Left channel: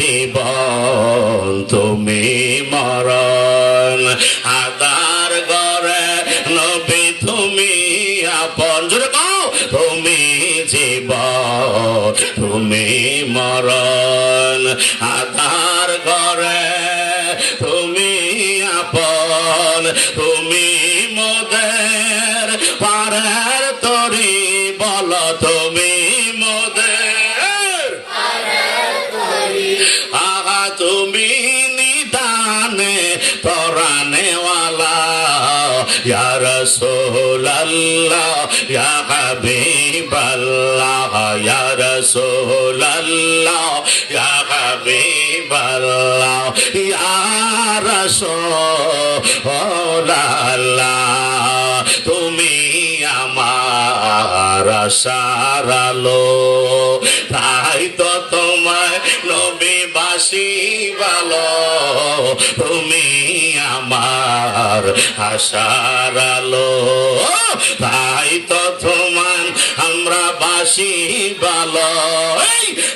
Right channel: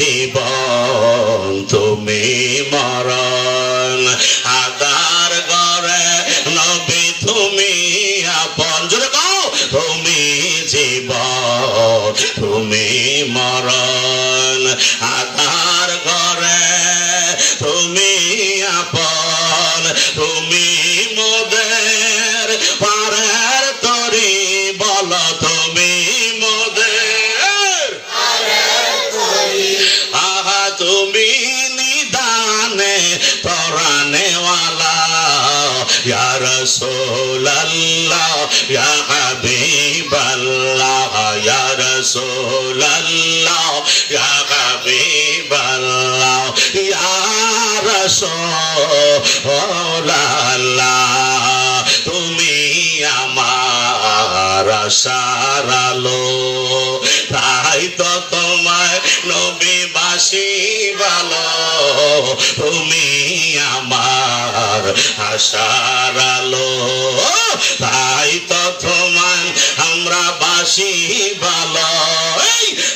জীবন তুমি মরণ আদার গরে নবী তুমি আপন জোরে কও তুমি জীবন তুমি মরণ আদার গরে তুমি আপন তুমি মোদের পারের তরি বল তুমি মোদের আহা তুমি নিদানে পরানেওয়ালা ইয়া রাসূলুল্লাহ ইয়া হাবিবাল্লাহ ইয়া রাসূলুল্লাহ ইয়া হাবিবাল্লাহ ইয়া রাসূলুল্লাহ তুমি আমার আশার আলো তাই তো তোমায় নবীবাসী ভালো তুমি আমার আশার আলো তাই তো তোমার আমরা বাসি ভালো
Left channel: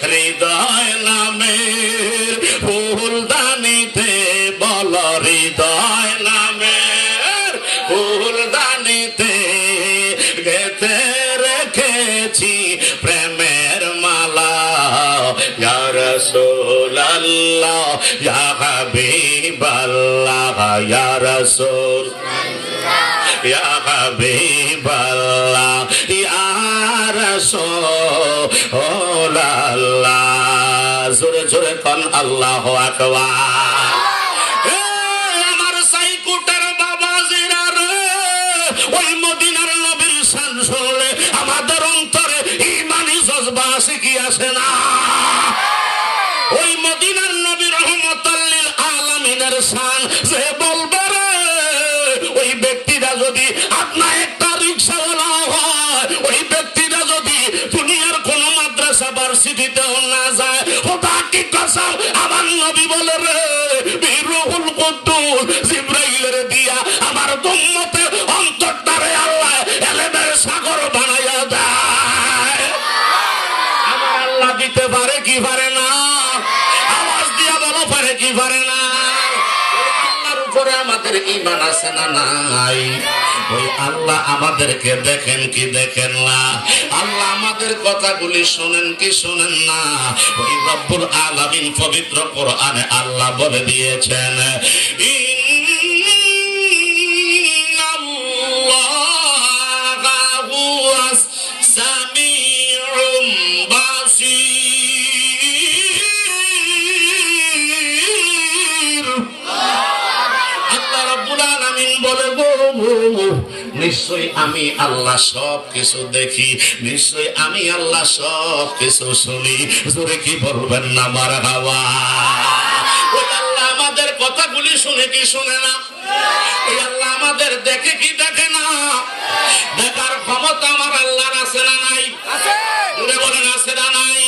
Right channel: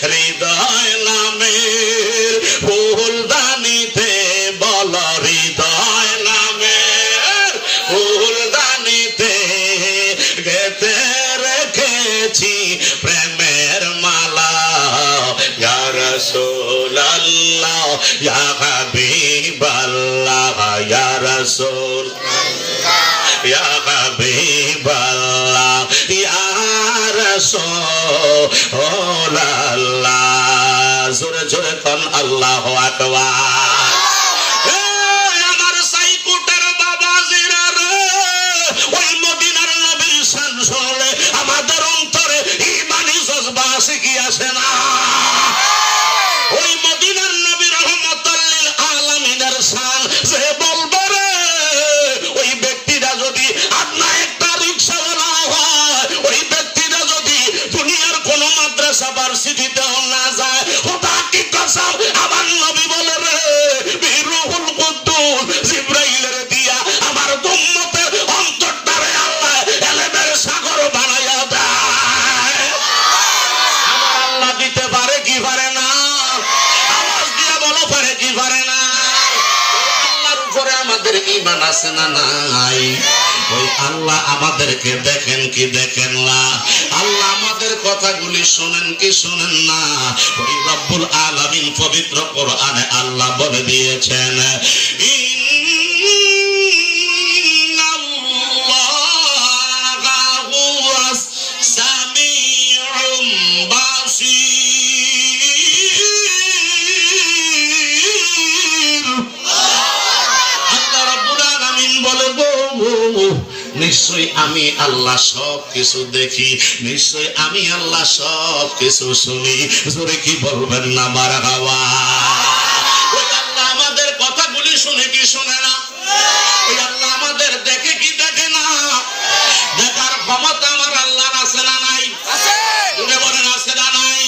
হৃদয় নামের ফুলদানিতে বল হৃদয় নামের ফুলদানিতে গেতে রেখেছি প্রেমের মালা ইয়া রাসূলুল্লাহ ইয়া হাবিবাল্লাহ ইয়া রাসূলুল্লাহ ইয়া হাবিবাল্লাহ ইয়া রাসূলুল্লাহ জোরে জোরে কোন আল্লাহু আকবার আমার সাইকুটের বাবা জিরা রে ওই মদিনার নবীর শান শুনলে আমাদের অন্তরে ঈমানি জজবা আসে কি আসে না ওই মদিনার নবী রহমাতুল লিল আলামিনের শান যে বলবে রে ওই ব্যক্তিটা যদি আপনা একটা রিকশাওয়ালা হয় ওই ব্যক্তিটা যদি দুনিয়ার কোন মাদ্রাসা ভার্সিটিতেও না যায় ওটা কি কসম আমার নবী বলে রে রূহুল কুদ্দুস জিবরাইলের দিয়া আমার উম্মতের অন্তরটারে আল্লাহ এলেমের সাগর বানায়া দেয় আমার আল্লাহ দিতে পারে কি পারে না আওয়াজ দিয়ে বলা পারে কি পারে না আল্লাহর উপরে আমাদের ঈমান আছে না নাই ওই আল্লাহ আমাদেরকে দেখেন কি দেখেন না আল্লাহ আমাদের কথাগুলি শোনেন কি শোনেন না ওই রব্বুল আলামিন পবিত্র কোরআনে আল্লাহ বলে দিয়েছেন ইন্নাল্লাহা হুয়াস সামিউম বাসীর আল্লাহ রাব্বুল আলামিন বলে গো নিশ্চয় আমি আল্লাহ সব কিছু দেখি নিশ্চয় আমি আল্লাহ সব কিছু শুনি জোরে কি বলবেন না মারহাবা ওই আল্লাহ আমাদের কথাগুলি শুনে কি শুনে না ওই আল্লাহ আমাদের দেখে কি দেখে না দেখার ক্ষমতা আমার আল্লাহর আছে না নাই আছে বলেন আছে না নাই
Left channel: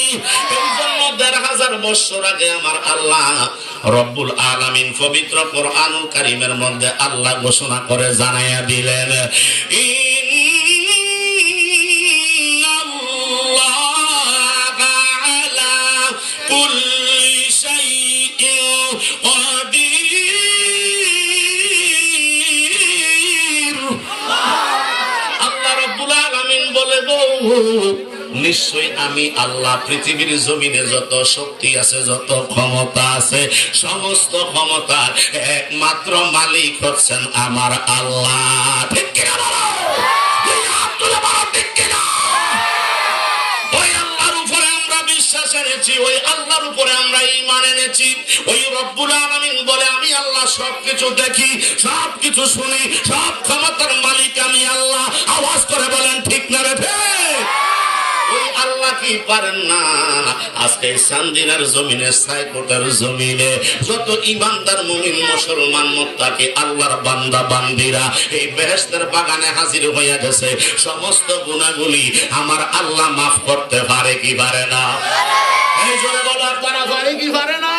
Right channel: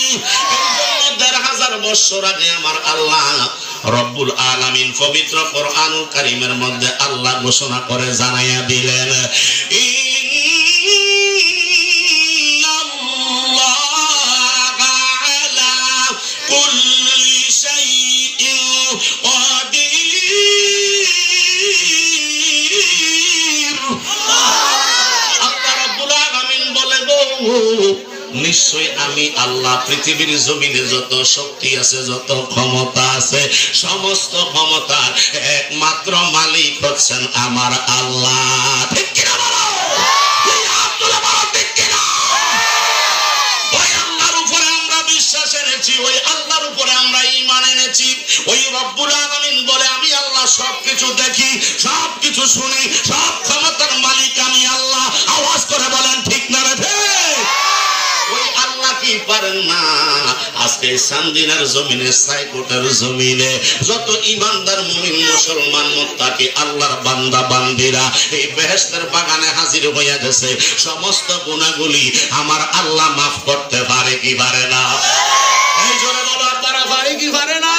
এই জন্য ১,৫০০ বছর আগে আমার আল্লাহ রব্বুল আলামিন পবিত্র কোরআনুল কারীমের মধ্যে আল্লাহ ঘোষণা করে জানাইয়া দিলেন ইন্নাল্লাহা আলা কুল্লি শাইইন কাদির আল্লাহ রব্বুল আলামিন বলে গো নিশ্চয় আমি আল্লাহ পৃথিবীর জমিনে যত শক্তি আছে যত ক্ষমতা আছে সমস্ত ক্ষমতার একমাত্র মালিক হচ্ছেন আমার আল্লাহ ঠিক কি না ওই আল্লাহর উপরে আমরা বিশ্বাস এনেছি ওই আল্লাহর উপরে আমরা ঈমান এনেছি ওই রব্বুল আলামিন বলে আমি আল্লাহ সবকিছু দেখি সবকিছু শুনি সব ক্ষমতার মালিক আমি আল্লাহ আওয়াজ করে বলেন ঠিক না রে আল্লাহ কি পারেন না আজকে সান্দিনার জমিনে সাইকোটার জমিনে যত ইমানদার মুমিন মুসলমান মুত্তাকি আল্লাহর বান্দা বান্দিরা এই বেহেশতের বাগানে হাজির হইয়া গেছে সমস্ত গুনাহগুলি আমার আল্লাহ maaf করতে পারে কি পারে না এই জোরে বলা পারে কি পারে না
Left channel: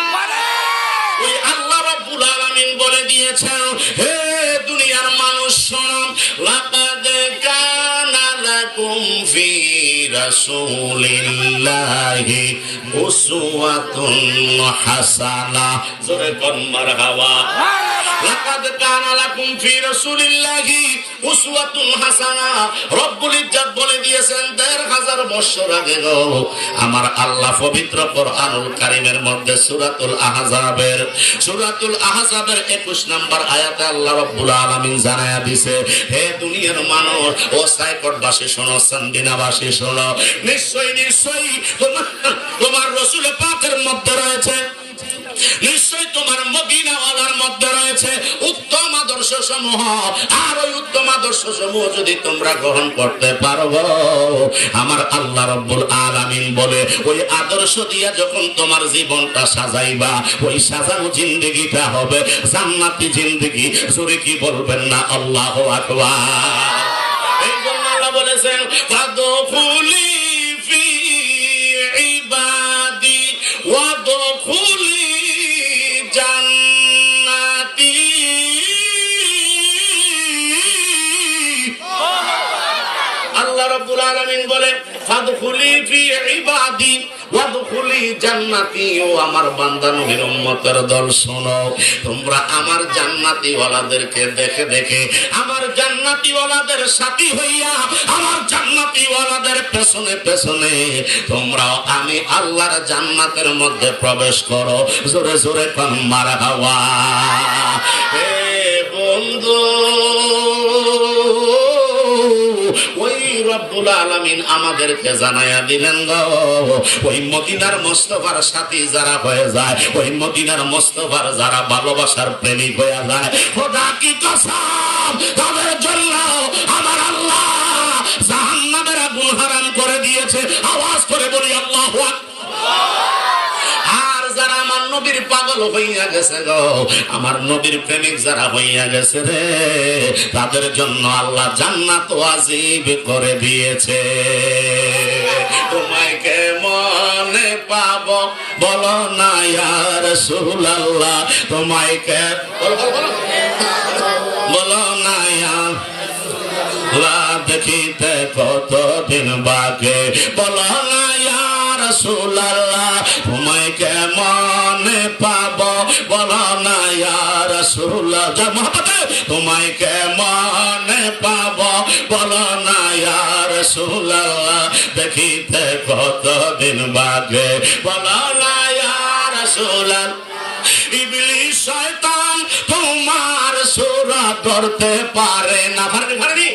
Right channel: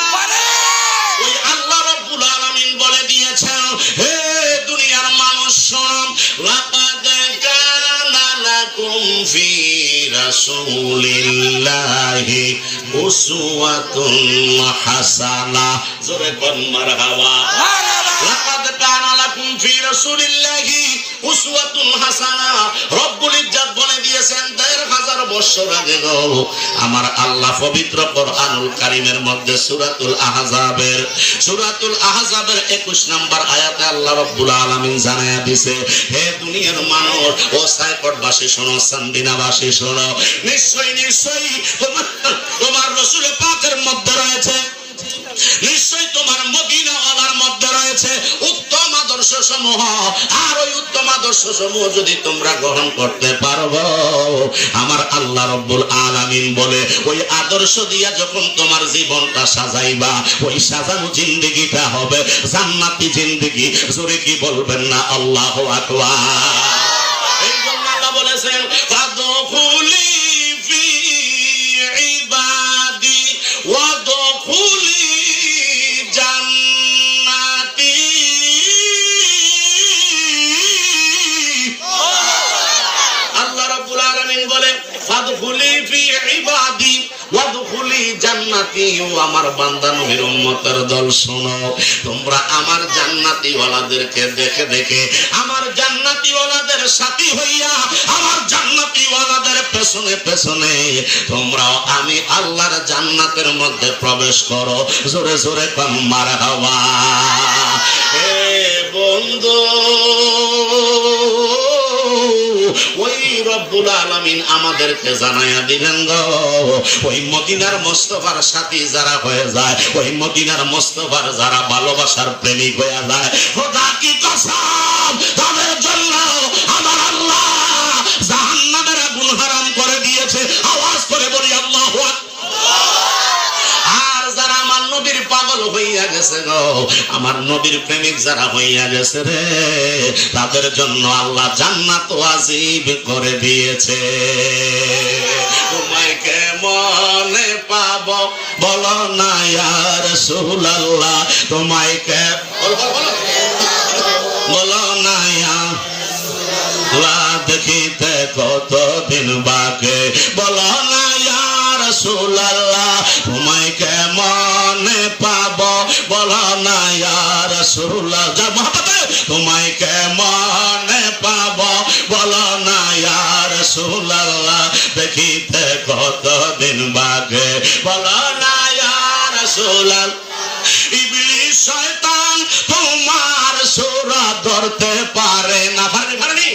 ওই আল্লাহ রাব্বুল আলামিন বলে দিয়েছেন হে দুনিয়ার মানুষ লাকাদ কানা লাকুম ফি রাসূলিল্লাহি উসওয়াতুন হাসানা। জোরে কোন মারহাবা। লাকাদ কানা লাকুম ফি রাসূলিল্লাহি উসওয়াতুন হাসানা। রব্বুল ইজ্জত বলে দিয়েছেন ১৫০০ বছর আগে আমার আল্লাহ পবিত্র কোরআনুল কারীমের মধ্যে সূরাতুল আহজাবের ২১ নম্বর আয়াতে আল্লাহ রাব্বুল আলামিন জানায়া দিয়েছে, হে দুনিয়ার মানুষ, ও সাইকটবাসী শোনো, সান্দিনাবাসী শোনো, নিশ্চয়ই তোমার রাসূল পাকের মধ্যে রয়েছে, নিশ্চয়ই তোমার মদিনাওয়ালার মধ্যে রয়েছে উত্তম আদর্শ সমূহ। আর ওই উত্তম আদর্শ সমূহ যদি তোমরা গ্রহণ করতে পারবো, আমার আল্লাহ রাব্বুল আলামিন বলে ওই আদর্শ দিয়া যখন তোমার জীবনটা সাজাইবা, ওই সাজানো জিন্দেগিটা হবে জান্নাতি জিন্দেগি। জোরে কি বলবেন না আল্লাহু আকবার। এই জন্য আল্লাহ বলেছেন, ফাদখুলি ফি ইবাদি ওয়াদখুলি বলে ফাদখুলি ফি ইবাদি ওয়াদখুলি জান্নাতি। ও আমার বান্দা নবীর উম্মতের দল শোনো, তোমরা আমার জান্নাতি ওয়ালাদেরকে দেখে দেখে, আমার জান্নাতি ওয়ালাদের সাথী হইয়া, আমার জান্নাতি ওয়ালাদের পেছনে পেছনে তোমরা আমি আল্লাহর জান্নাতের মধ্যে প্রবেশ করো। জোরে জোরে কাম মারহাবা। হে বন্ধু, ওই রব্বুল আলামিন আমাদেরকে জানায়া দিলেন গো, ওই মদিনার মুস্তাফার সাথী যারা হয়ে যায়, ওই মদিনার মুস্তাফার যারা ভালোবাসার প্রেমিক হয়ে যায়, খোদা কি কসম, তাদের জন্য আমার আল্লাহ জাহান্নামের আগুন হারাম করে দিয়েছে। আওয়াজ করে বলি আল্লাহু আকবার। আর যারা আমার নবীর পাগল হইয়া গেছে গো, আমার নবীর প্রেমিক যারা হইয়া গেছে রে, তাদের জন্য আল্লাহ জান্নাত ওয়াজিব করে দিয়েছে। তোমায় কেমনে পাবো বলো না ইয়া রাসূলুল্লাহ, তোমায় কে বলো না ইয়া রাসূলুল্লাহ, দেখিতে কতদিন বাকি, বলো না ইয়া রাসূলুল্লাহ, তোমায় কেমনে পাবো বলো না ইয়া রাসূলুল্লাহ, তোমায় কেমনে পাবো বলো না ইয়া রাসূলুল্লাহ, দেখিতে কতদিন বাকি, বলো না ইয়া রাসূলুল্লাহ। ইবলিস শয়তান তোমার সূরা ধরতে পারে না, পারেনি।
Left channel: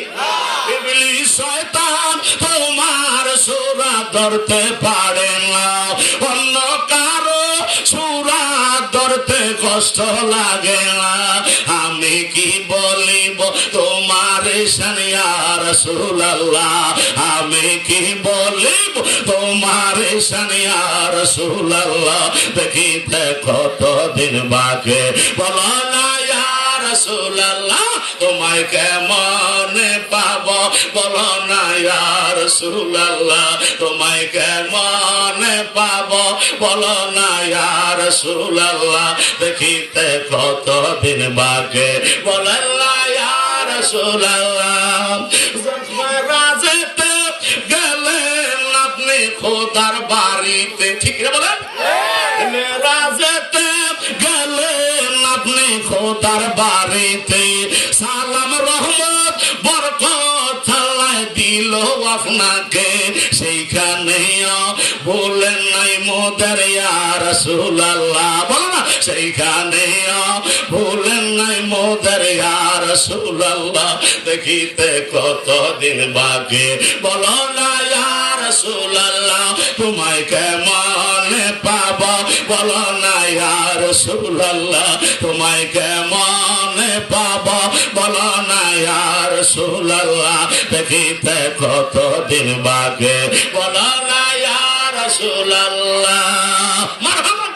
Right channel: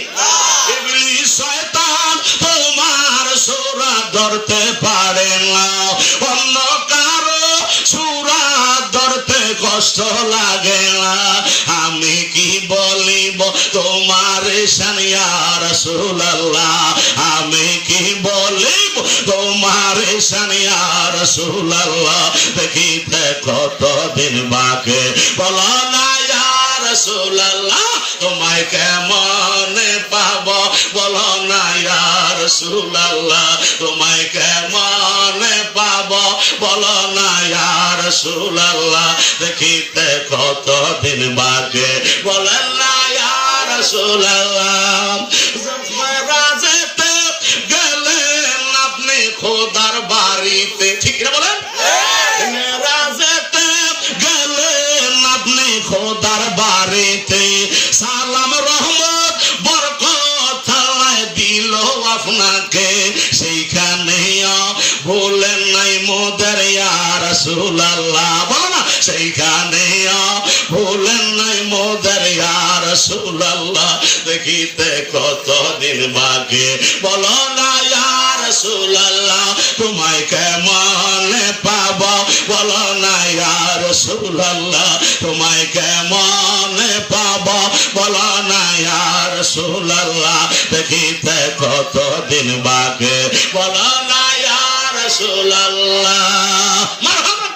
ইবলিস শয়তান তোমার সূরা ধরতে পারে না, অন্য কারো সূরা ধরতে কষ্ট লাগে না। আমি কি বলিব তোমার শান ইয়া রাসূলুল্লাহ, আমি কি বলিব তোমার শান ইয়া রাসূলুল্লাহ, দেখিতে কতদিন বাকি, বলো না ইয়া রাসূলুল্লাহ, তোমায় কেমনে পাবো বলো না ইয়া রাসূলুল্লাহ, তোমায় কেমনে পাবো বলো না ইয়া রাসূলুল্লাহ, দেখিতে কতদিন বাকি, বলেন না ইয়া রাসূলুল্লাহ। রাজেতে গেলেন আপনি খোদার বাড়িতে, ঠিক না বলেন? রাজেতে গেলেন আপনি খোদার বাড়িতে, সালাম রহমত বরকত আল্লাহ দিল আপনাকে, সেইখানে বলেন নাই মোদের ইয়া রাসূলুল্লাহ, বলো না, সেইখানে বলেন নাই মোদের ইয়া রাসূলুল্লাহ, দেখিতে কতদিন বাকি, বলো না ইয়া রাসূলুল্লাহ, তোমায় কেমনে পাবো বলো না ইয়া রাসূলুল্লাহ, তোমায় কেমনে পাবো বলো না ইয়া রাসূলুল্লাহ, দেখিতে কতদিন বাকি, বলো না ইয়া রাসূলুল্লাহ। মারহাবা।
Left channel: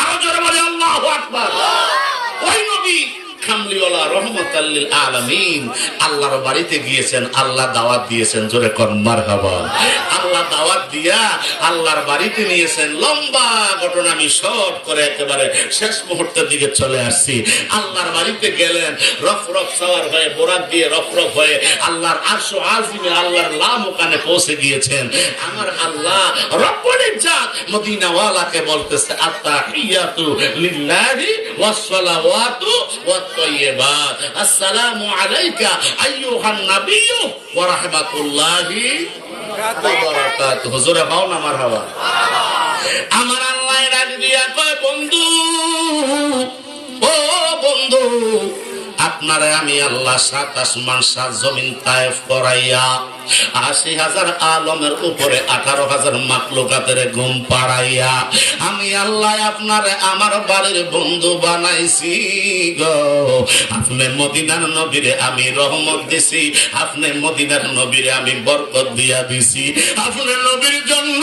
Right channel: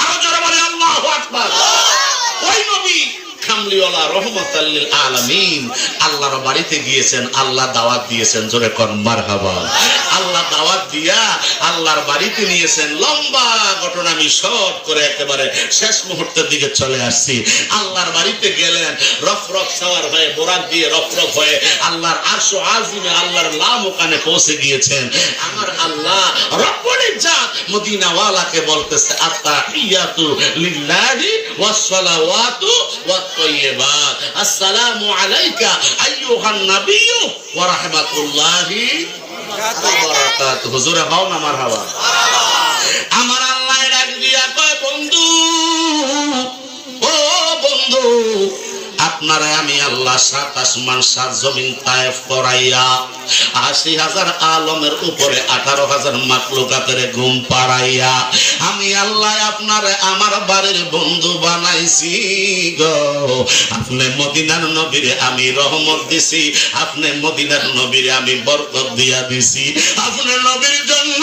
আরো জোরে বলে আল্লাহু আকবার। ওই নবী কামলিওয়ালা রহমাতাল লিল আলামিন আল্লাহর বাড়িতে গিয়েছেন, আল্লাহ দাওয়াত দিয়েছেন, জোরে কোন মারহাবা। আল্লাহ দাওয়াত দিয়া আল্লাহর বাড়িতে নিয়েছেন। লম্বা ঘটনা, আমি শর্ট করে একেবারে শেষ মুহূর্তের দিকে চলে আসছি। আল্লাহর বাড়িতে গেলেন, রফরফ সওয়ার হয়ে, বোরাক দিয়ে রফরফ হয়ে আল্লাহর আরশ আজিমে, আল্লাহর লামকানে পৌঁছে গিয়েছেন। আমার আল্লাহ রব্বুল ইজ্জত মদিনাওয়ালাকে বলতেছে, আত্তাহিয়াতু লিল্লাহি ওয়াস সালাওয়াতু ওয়াত তাইয়্যিবাত, আসসালামু আলাইকা আইয়ুহান নাবিয়্যু ওয়া রাহমাতুল্লাহি ওয়া বারাকাতুহু। হুজুরে হও না মারহাবা। আমার আল্লাহ ডাক দিয়া কয়, বন্ধু, ও বন্ধু, আপনারা আমি আল্লাহ 7 আসমান 7 জমিন তায়েফ করাইয়া 80,000 আলমের উপরে 18,000 মাখলুকাতের ঘুম পাড়াইয়া আমি আল্লাহ আপনারে আমার বাড়ির বন্ধু বানাইছি গো। আপনি মদিনার নবীরে আমি রহমত দিছি, আপনি মদিনার নবীরে আমি বরকত দিয়া দিছি। আপনি নবীর জন্য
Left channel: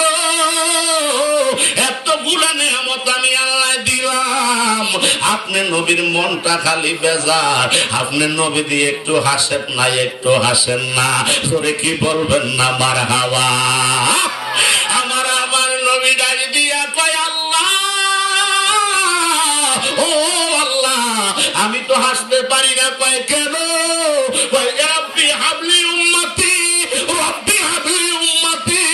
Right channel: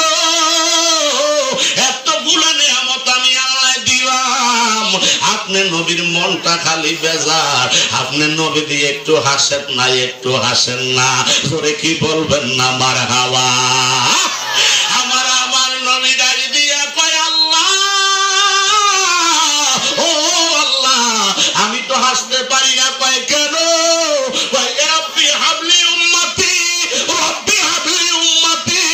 এতগুলো নিয়ামত আমি আল্লাহ দিলাম, আপনি নবীর মনটা খালি বেজার। আপনি নবী দিয়ে একটু হাসেন না, একটু হাসেন না, তোরে কি বলবেন না মারহাবা। আমার নবী ডাক দিয়া কয়, আল্লাহ, ও আল্লাহ, আমি তো হাসতে পারি না। কয় কেন? কয় রব্বি হাবলি উম্মতি, রব্বি হাবলি উম্মতি।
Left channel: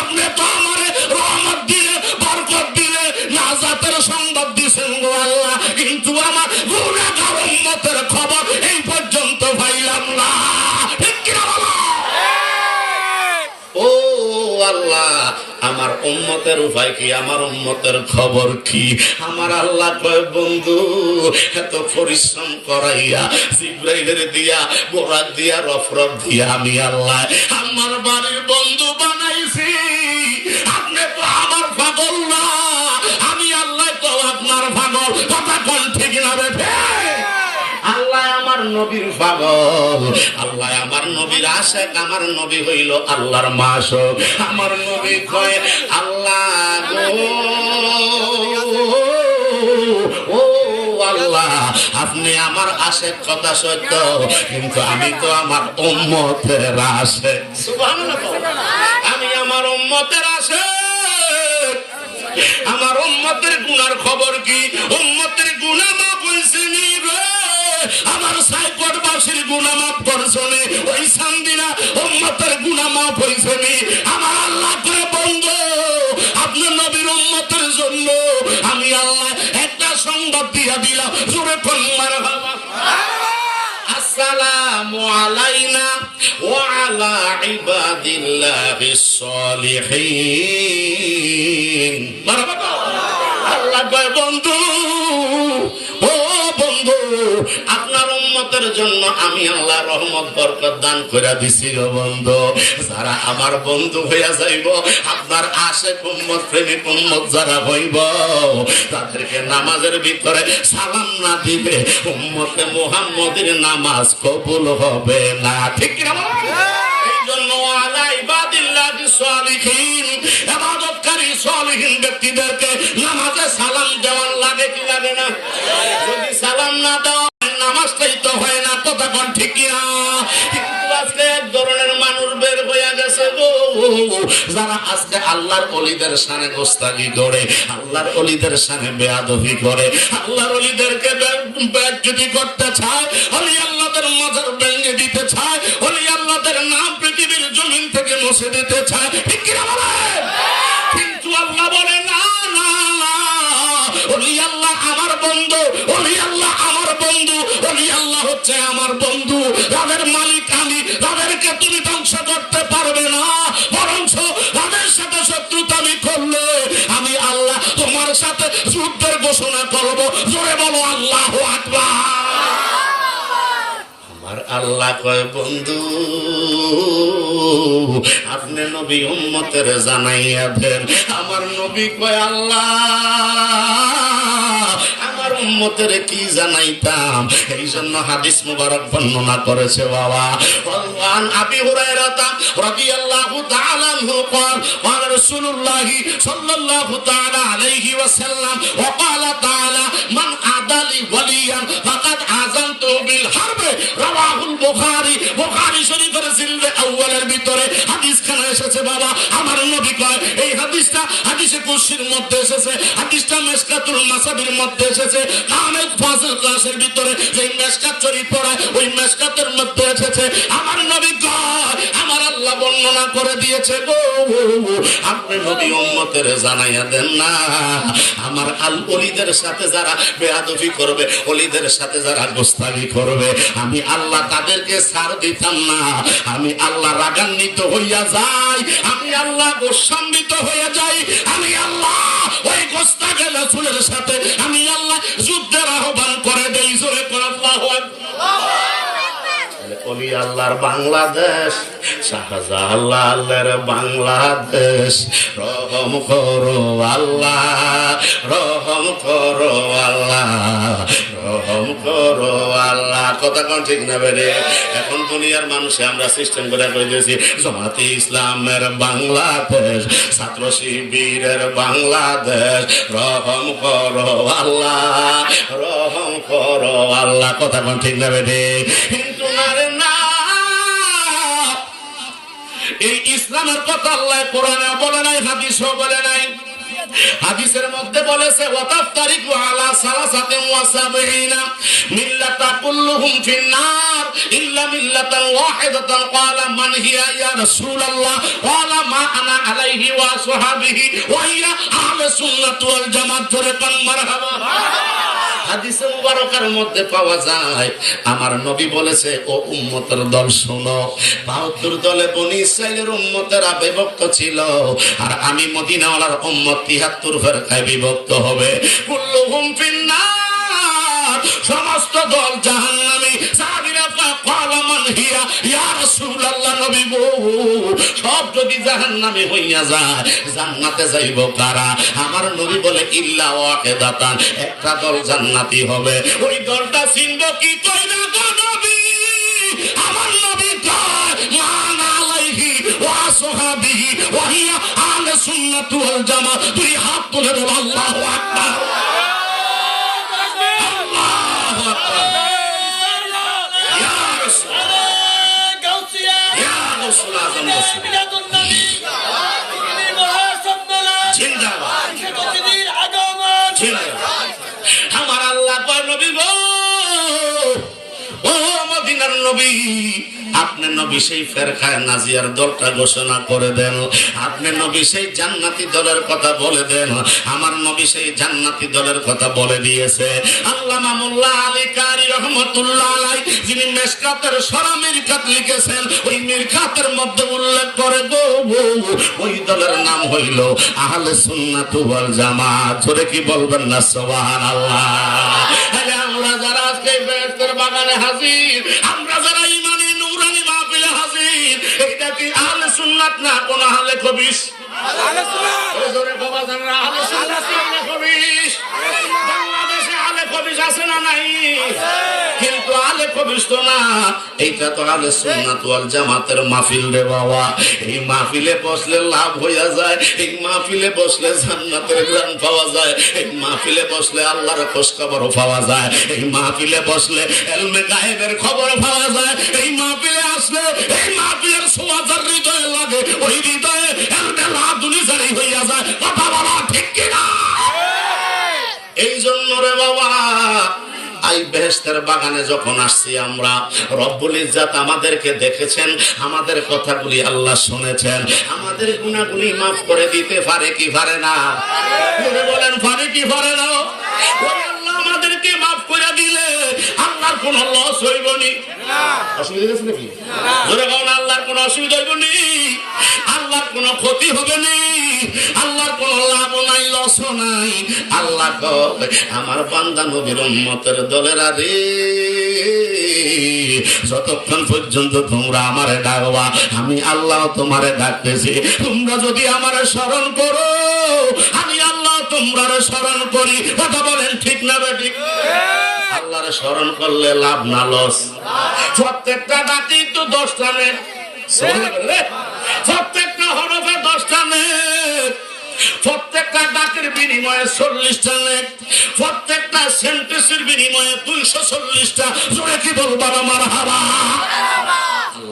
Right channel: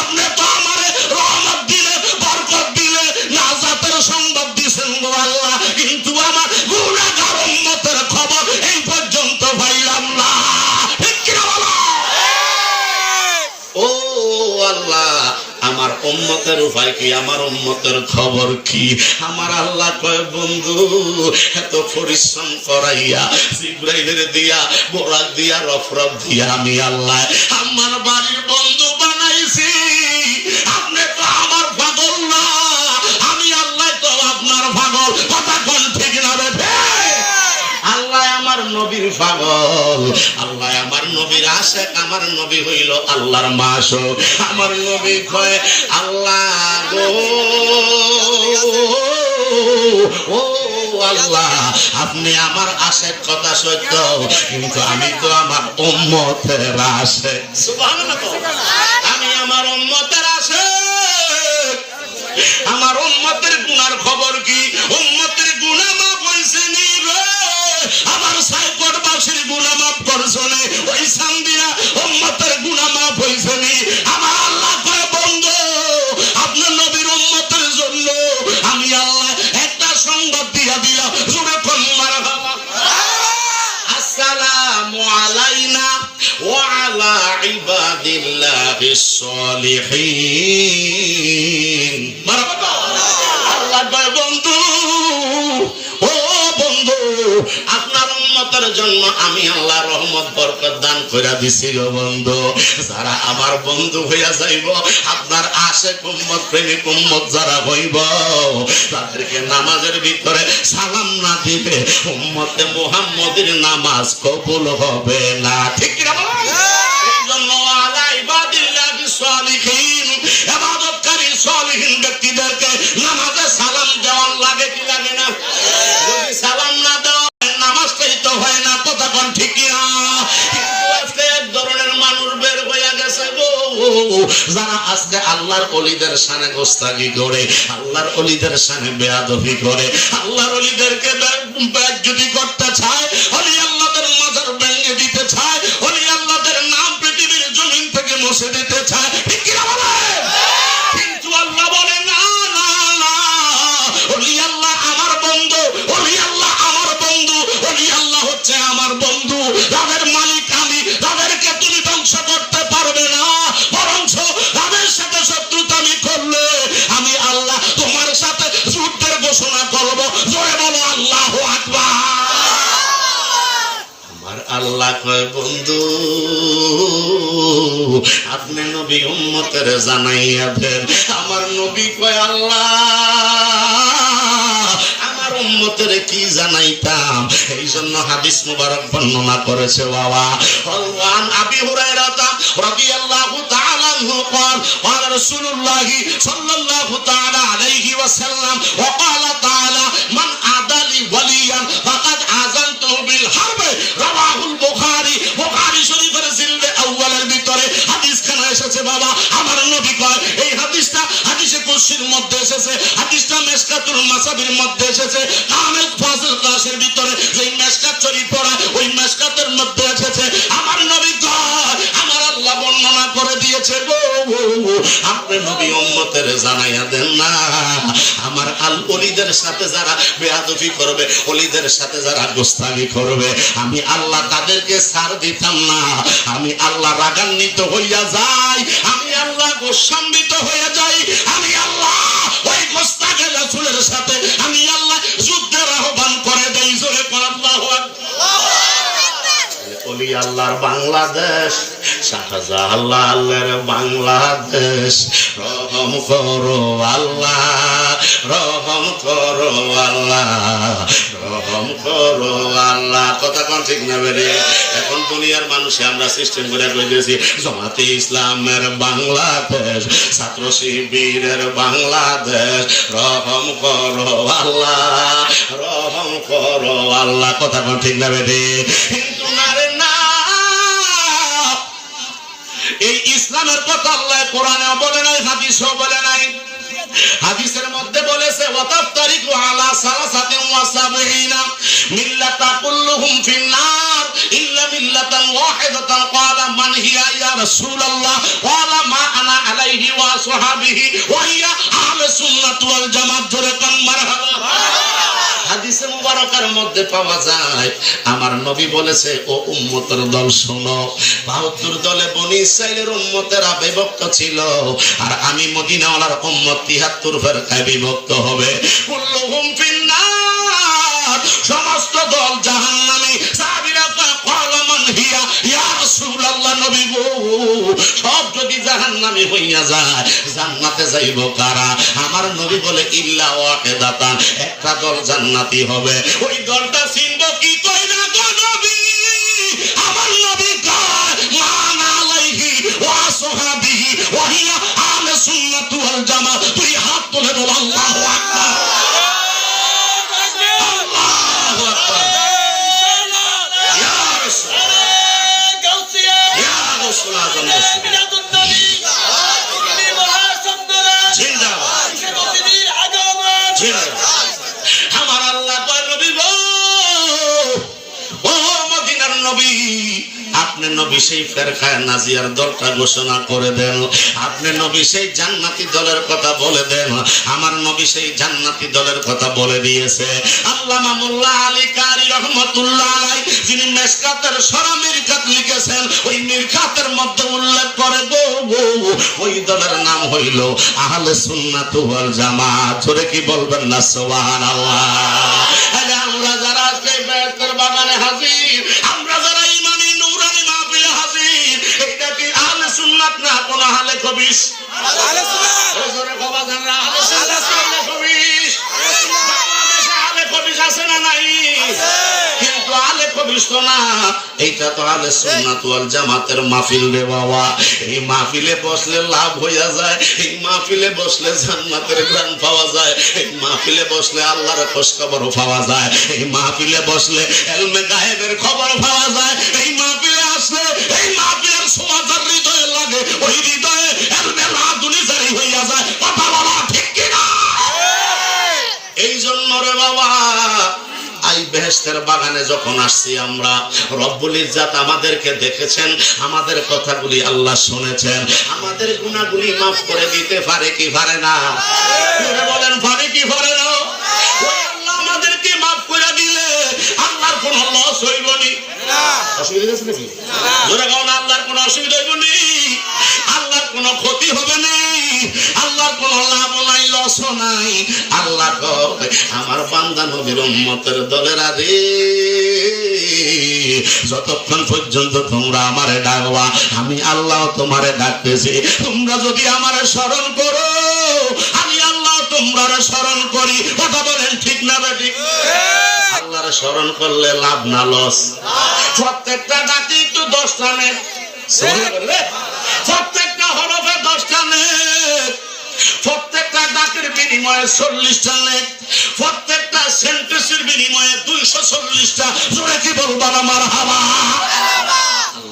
আপনি তো আমারে রহমত দিলে, বরকত দিলে, নাজাতের সংবাদ দিছেন গো আল্লাহ, কিন্তু আমার গুনাহগার উম্মতের খবর এই পর্যন্ত পাইলাম না। ঠিক কি বলো? ও আল্লাহ, আমার উম্মতের উপায় কি, আমার উম্মতের খবর কি? আমার আল্লাহ কয়, বন্ধু, এত পরিশ্রম করাইয়া জিবরাইলের দিয়া, বোরাক দিয়া, রফরফ দিয়া আমি আল্লাহ আমার বাড়ির বন্ধু বানাইছি। আপনি তো আমার পাগল না, আমি আল্লাহ তো আপনার পাগল। কথা কোন ঠিক না রে? আল্লাহ আমার নবীর পাগল, আল্লাহ আমার নবীর আশিক, আমার নবী হইল আল্লাহর মাসুক। আমার নবী কয়, আল্লাহ গো, ও আল্লাহ, আপনি আমার আশিক কথা সত্য, কিন্তু আমি তো আমার উম্মতের আশিক। সুবহানাল্লাহ। আমি আমার উম্মতের আশিক। আমার উম্মতের গুনার খবর কি? উম্মতের গুনাহ মাফ হইছে নি রে? আমার সাইকটবাসীর গুনাহ মাফ করছো নি? ওই সান্দিনা উম্মতের গুনাহ মাফ হইছে নি? আমার আল্লাহ কয়, বন্ধু, আপনার নবীর উম্মতের জন্য আমি আল্লাহ একটা সংবাদ দিয়া দিলাম। জোরে কোন মারহাবা। আসসালামু আলাইনা ওয়া আলা ইবাদিল্লাহিস সালিহিন। আল্লাহ কয়, বন্ধু, ও বন্ধু, আপনার উম্মতের জন্য আমি আল্লাহ রহমত বরকত দান করে দিছি গো বন্ধু। যারা আমার বন্ধু হইয়া যাইব, আপনার আশিক উম্মত, প্রেমিক উম্মত যারা হইব, তাদেরকে নামাজের ভিতরে সালাম না দিবে, উম্মতে মুহাম্মদের নামাজ কবুল হবে না। ঠিক কি না? এই জন্য আলা ইবাদিল্লাহিস সালিহিন, ইবাদতকারী সালিহিন ব্যক্তিদেরকে নামাজে সালাম দেওয়া লাগে কি লাগে না? যদি সালাম না দাও, নামাজটাই তো হয় না। তো তখন ঠিক না? কিন্তু আজকে এক ধরনের মানুষ বের হয়ে গেছে গো, যারা আজকে আল্লাহর ওলিদের শানে গোস্তাকি করে, আল্লাহর ওলিদের শানে বেয়াদবি করে, আল্লাহর ওলিদেরকে বেইজ্জতি করতে চায়, ওলি আল্লাহদের মাজার ভেঙে দিতে চায়, ওলি আল্লাহদের নাম পৃথিবীর জমিন থেকে মুছে দিতে চায়। ঠিক কি বলে? কিন্তু আল্লাহ বলে, না না না, ওলি আল্লাহ আমার বন্ধু, ওলি আল্লাহ আমার বন্ধু, ওলি আল্লাহ হচ্ছে আমার বন্ধু। তাদের মালিক আমি, তাদেরকে তুমি ধ্বংস করতে পারবে না, বরঞ্চ তাদের সাথে শত্রুতা আমি করলে আমি আল্লাহ তোমার সাথে যুদ্ধের ঘোষণা করবো। জোরে বলো আল্লাহু আকবার। আমার আল্লাহ কয়, বন্ধু, আপনি নবী উম্মতের জানাইয়া দেন। আমার নবী কয়, আল্লাহ, আমার উম্মতের কি জানাইতাম? এই জন্য হাদিস মুবারক বর্ণনা করেছে বাবা। আন আবি হুরায়রা রাদিয়াল্লাহু তাআলা আনহু قال قال رسول الله صلى الله تعالى عليه وسلم وقال تعالى من عادى لي وليا فقد آذنته بالحرب رواه البخاري। বুখারী শরীফের জিলদে আউয়ালের ভিতরে হাদিস খানা এসেছে বাবা। আমার নবী কয়, এই এসেছে, হাদিসটা মিশকাতুল মাসাবির মধ্যে এসেছে, আহমেদ ফাজিল ক্লাসের ভিতরে যে মিশকাত শরীফ পড়া ওই মিশকাতের মধ্যে এসেছে, আমার নবী আমার আল্লাহ বর্ণনা করে দিয়েছে গো, আপনি নবী উম্মতের জানাইয়া দেন না, আমার আল ওলিদের সাথে যারা বেয়াদবি করবে, ওলিদের সাথে যারা গোস্তামি করবে, আমি আল্লাহ তাদেরকে ছাড় দিতাম না, আমি আল্লাহ রাগান্বিত হইয়া যাই, আমি আল্লাহ গোস্বান্বিত হয়ে যাই, আমি আল্লাহ ওই গোস্তাকে রাসূলের সাথে আমি আল্লাহ যুদ্ধের আহ্বান করে দেই। জোরে আল্লাহু আকবার। ওলি আল্লাহর বাংলাদেশ, শাহজালালের বাংলাদেশ, রহম করো আল্লাহ, রহম করো আল্লাহ, রহম করো আল্লাহ। কথা কোন ঠিক না বেরে? এখন দুনিয়ার মানুষে আমরা সিস্টেম করে দিয়েছি জামাতে ইসলামের বাংলাদেশ, ছাত্র শিবিরের বাংলাদেশ, রহম করো আল্লাহ, রহম করো আল্লাহ। কথা কোন ঠিক না বেরে? কিন্তু এই ইসলামের কথা আল্লাহ কোরআনে বলে নাই, হাদিসও বলে নাই। হাদিসের মধ্যে বলেছে ওয়াতাফতারিকু আলা সালাসাতিন ওয়া সাবঈনা মিল্লাতা কুল্লুহুম ফিন্নার ইল্লা মিল্লাতান ওয়াহিদাতান। ক্বালা মান হিয়া ইয়া রাসূলুল্লাহ? ক্বালা মা আনা আলাইহি ওয়া আসহাবিহি ওয়া হিয়া আহলুস সুন্নাত ওয়াল জামাত। জোরে কান মারহাবা। হাদিসে মুবারকার মধ্যে পাওয়া যায় আমার নবী বলেছে, ও উম্মতের দল শোনো, ৭২ দলে বনি ইসরাইলের উম্মতেরা বিভক্ত ছিল, আর আমি মদিনাওয়ালার উম্মত ৭৩ ফেরকায় বিভক্ত হবে। কুল্লুহুম ফিন্নার, সমস্ত দল জাহান্নামী। সাহাবীরা ক্বালা মান হিয়া ইয়া রাসূলুল্লাহ? নবী গো, সব যদি জাহান্নামী হইয়া যায় জান্নাতে যাইব কারা? আমার নবী বলে ইল্লা ওয়াহিদাতান, একটা দল জান্নাতি হবে। ওই দলটা চিনব কি কইরা গো নবী? আমার নবী কয় মান আলাইহি ওয়া আসহাবিহি ওয়া হিয়া আহলুস সুন্নাত ওয়াল জামাত। তুই হাত তুলে বল আল্লাহু আকবার। আমার আল্লাহ নবী গো, ও মদিনার নবী, আপনি নবী সেই ফেরকায়ে নাজিয়ার দলটা ঘোষণা করে দেন, আপনি নবী সেই জান্নাতি দলের কথা বলে দেন। আমার নবী সেই জান্নাতি দলের কথা বলে দিয়েছে। আল্লামা মোল্লা আলী কারি রহমাতুল্লাহ আলাইহি, যিনি মিশকাতের সরা মিরকাত লিখেছেন, ওই মিরকাতের মধ্যে উল্লেখ করে গো, ওই দলের নাম হইল আহলে সুন্নাত ওয়াল জামাত। জোরে কি বলবেন না সুবহানাল্লাহ? আরে আমরা যারা আজকে বেহেশতের বাগানে হাজির, আমরা যারা ইমানি নূরানি মাহফিলে হাজির, এটা কি আহলে সুন্নাত না কোন আহলে খবিস? আহলে সুন্নাত। জোরে কওয়া যান না আহলে সুন্নাত, আহলে খবিস। বাংলাদেশে আহলে খবিস আছে না নাই? কিন্তু আহলে খবিস তো না, এইটা তো আহলে সুন্নাত ওয়াল জামাতের মাহফিল রে বাবা। এই মাহফিলে বসলে লাভ হইয়া যায়, এই মাহফিলে বসলে জান্নাতের ঘ্রাণ পাওয়া যায়, এই মাহফিলে বসলে আল্লাহর খোঁজ খবর পাওয়া যায়, এই মাহফিলে বসলে ইলমে গায়েবের খবর পাওয়া যায়, এই মাহফিলে আসলে এই মাহফিলের ছোঁয়া যার হৃদয়ে লাগে, ওই হৃদয়ে ইলমে লাদুনি জারি হইয়া যায়। কথা বলা ঠিক কিনা? এই জন্য রে বাবা, এই বেহেশতের বাগানে যখন আসছি আমরা, রব্বুল ইজ্জত আমাদেরকে দেখেছেন, আমাদের কথাগুলি আল্লাহ শুনেছেন, আমাদের গুনাহগুলি মাফ করে দিতে পারে কি পারে না? বলেন পারে কি পারে না? ওই আল্লাহ আমাদেরকে মাফ করে দিলে আল্লাহর কোনো লস হইব না। অসুবিধা আছে নাকি? জোরে বলেন, আল্লাহর কোনো অসুবিধা হইব না, আল্লাহর কোনো ক্ষতি হবে না, আল্লাহর কোনো লাভ নাই, লস নাই। আল্লাহ কয় আমার বান্দা নবীর উম্মতের দলেরা রে, যতক্ষণ পর্যন্ত তোমরা আমারে ডাকবা, আমি আল্লাহ তোমারে ডাকতেছি। তোমরা যদি আমারে স্মরণ করো, আমি আল্লাহ তোমরা স্মরণ করি। কথা বলেন ঠিক না ঠিক? আল্লাহরে স্মরণ করলে লাভ না লস? প্রত্যেকটা ডাকে তো 10টা নেই, প্রত্যেকটা হরফে 10টা নেই, প্রত্যেকটা ডাকের বিনিময়ে 40টা নেই, প্রত্যেকটা সেন্টেন্সের বিনিময়ে 240টা। জোরে কি বলবো? মারহাবা।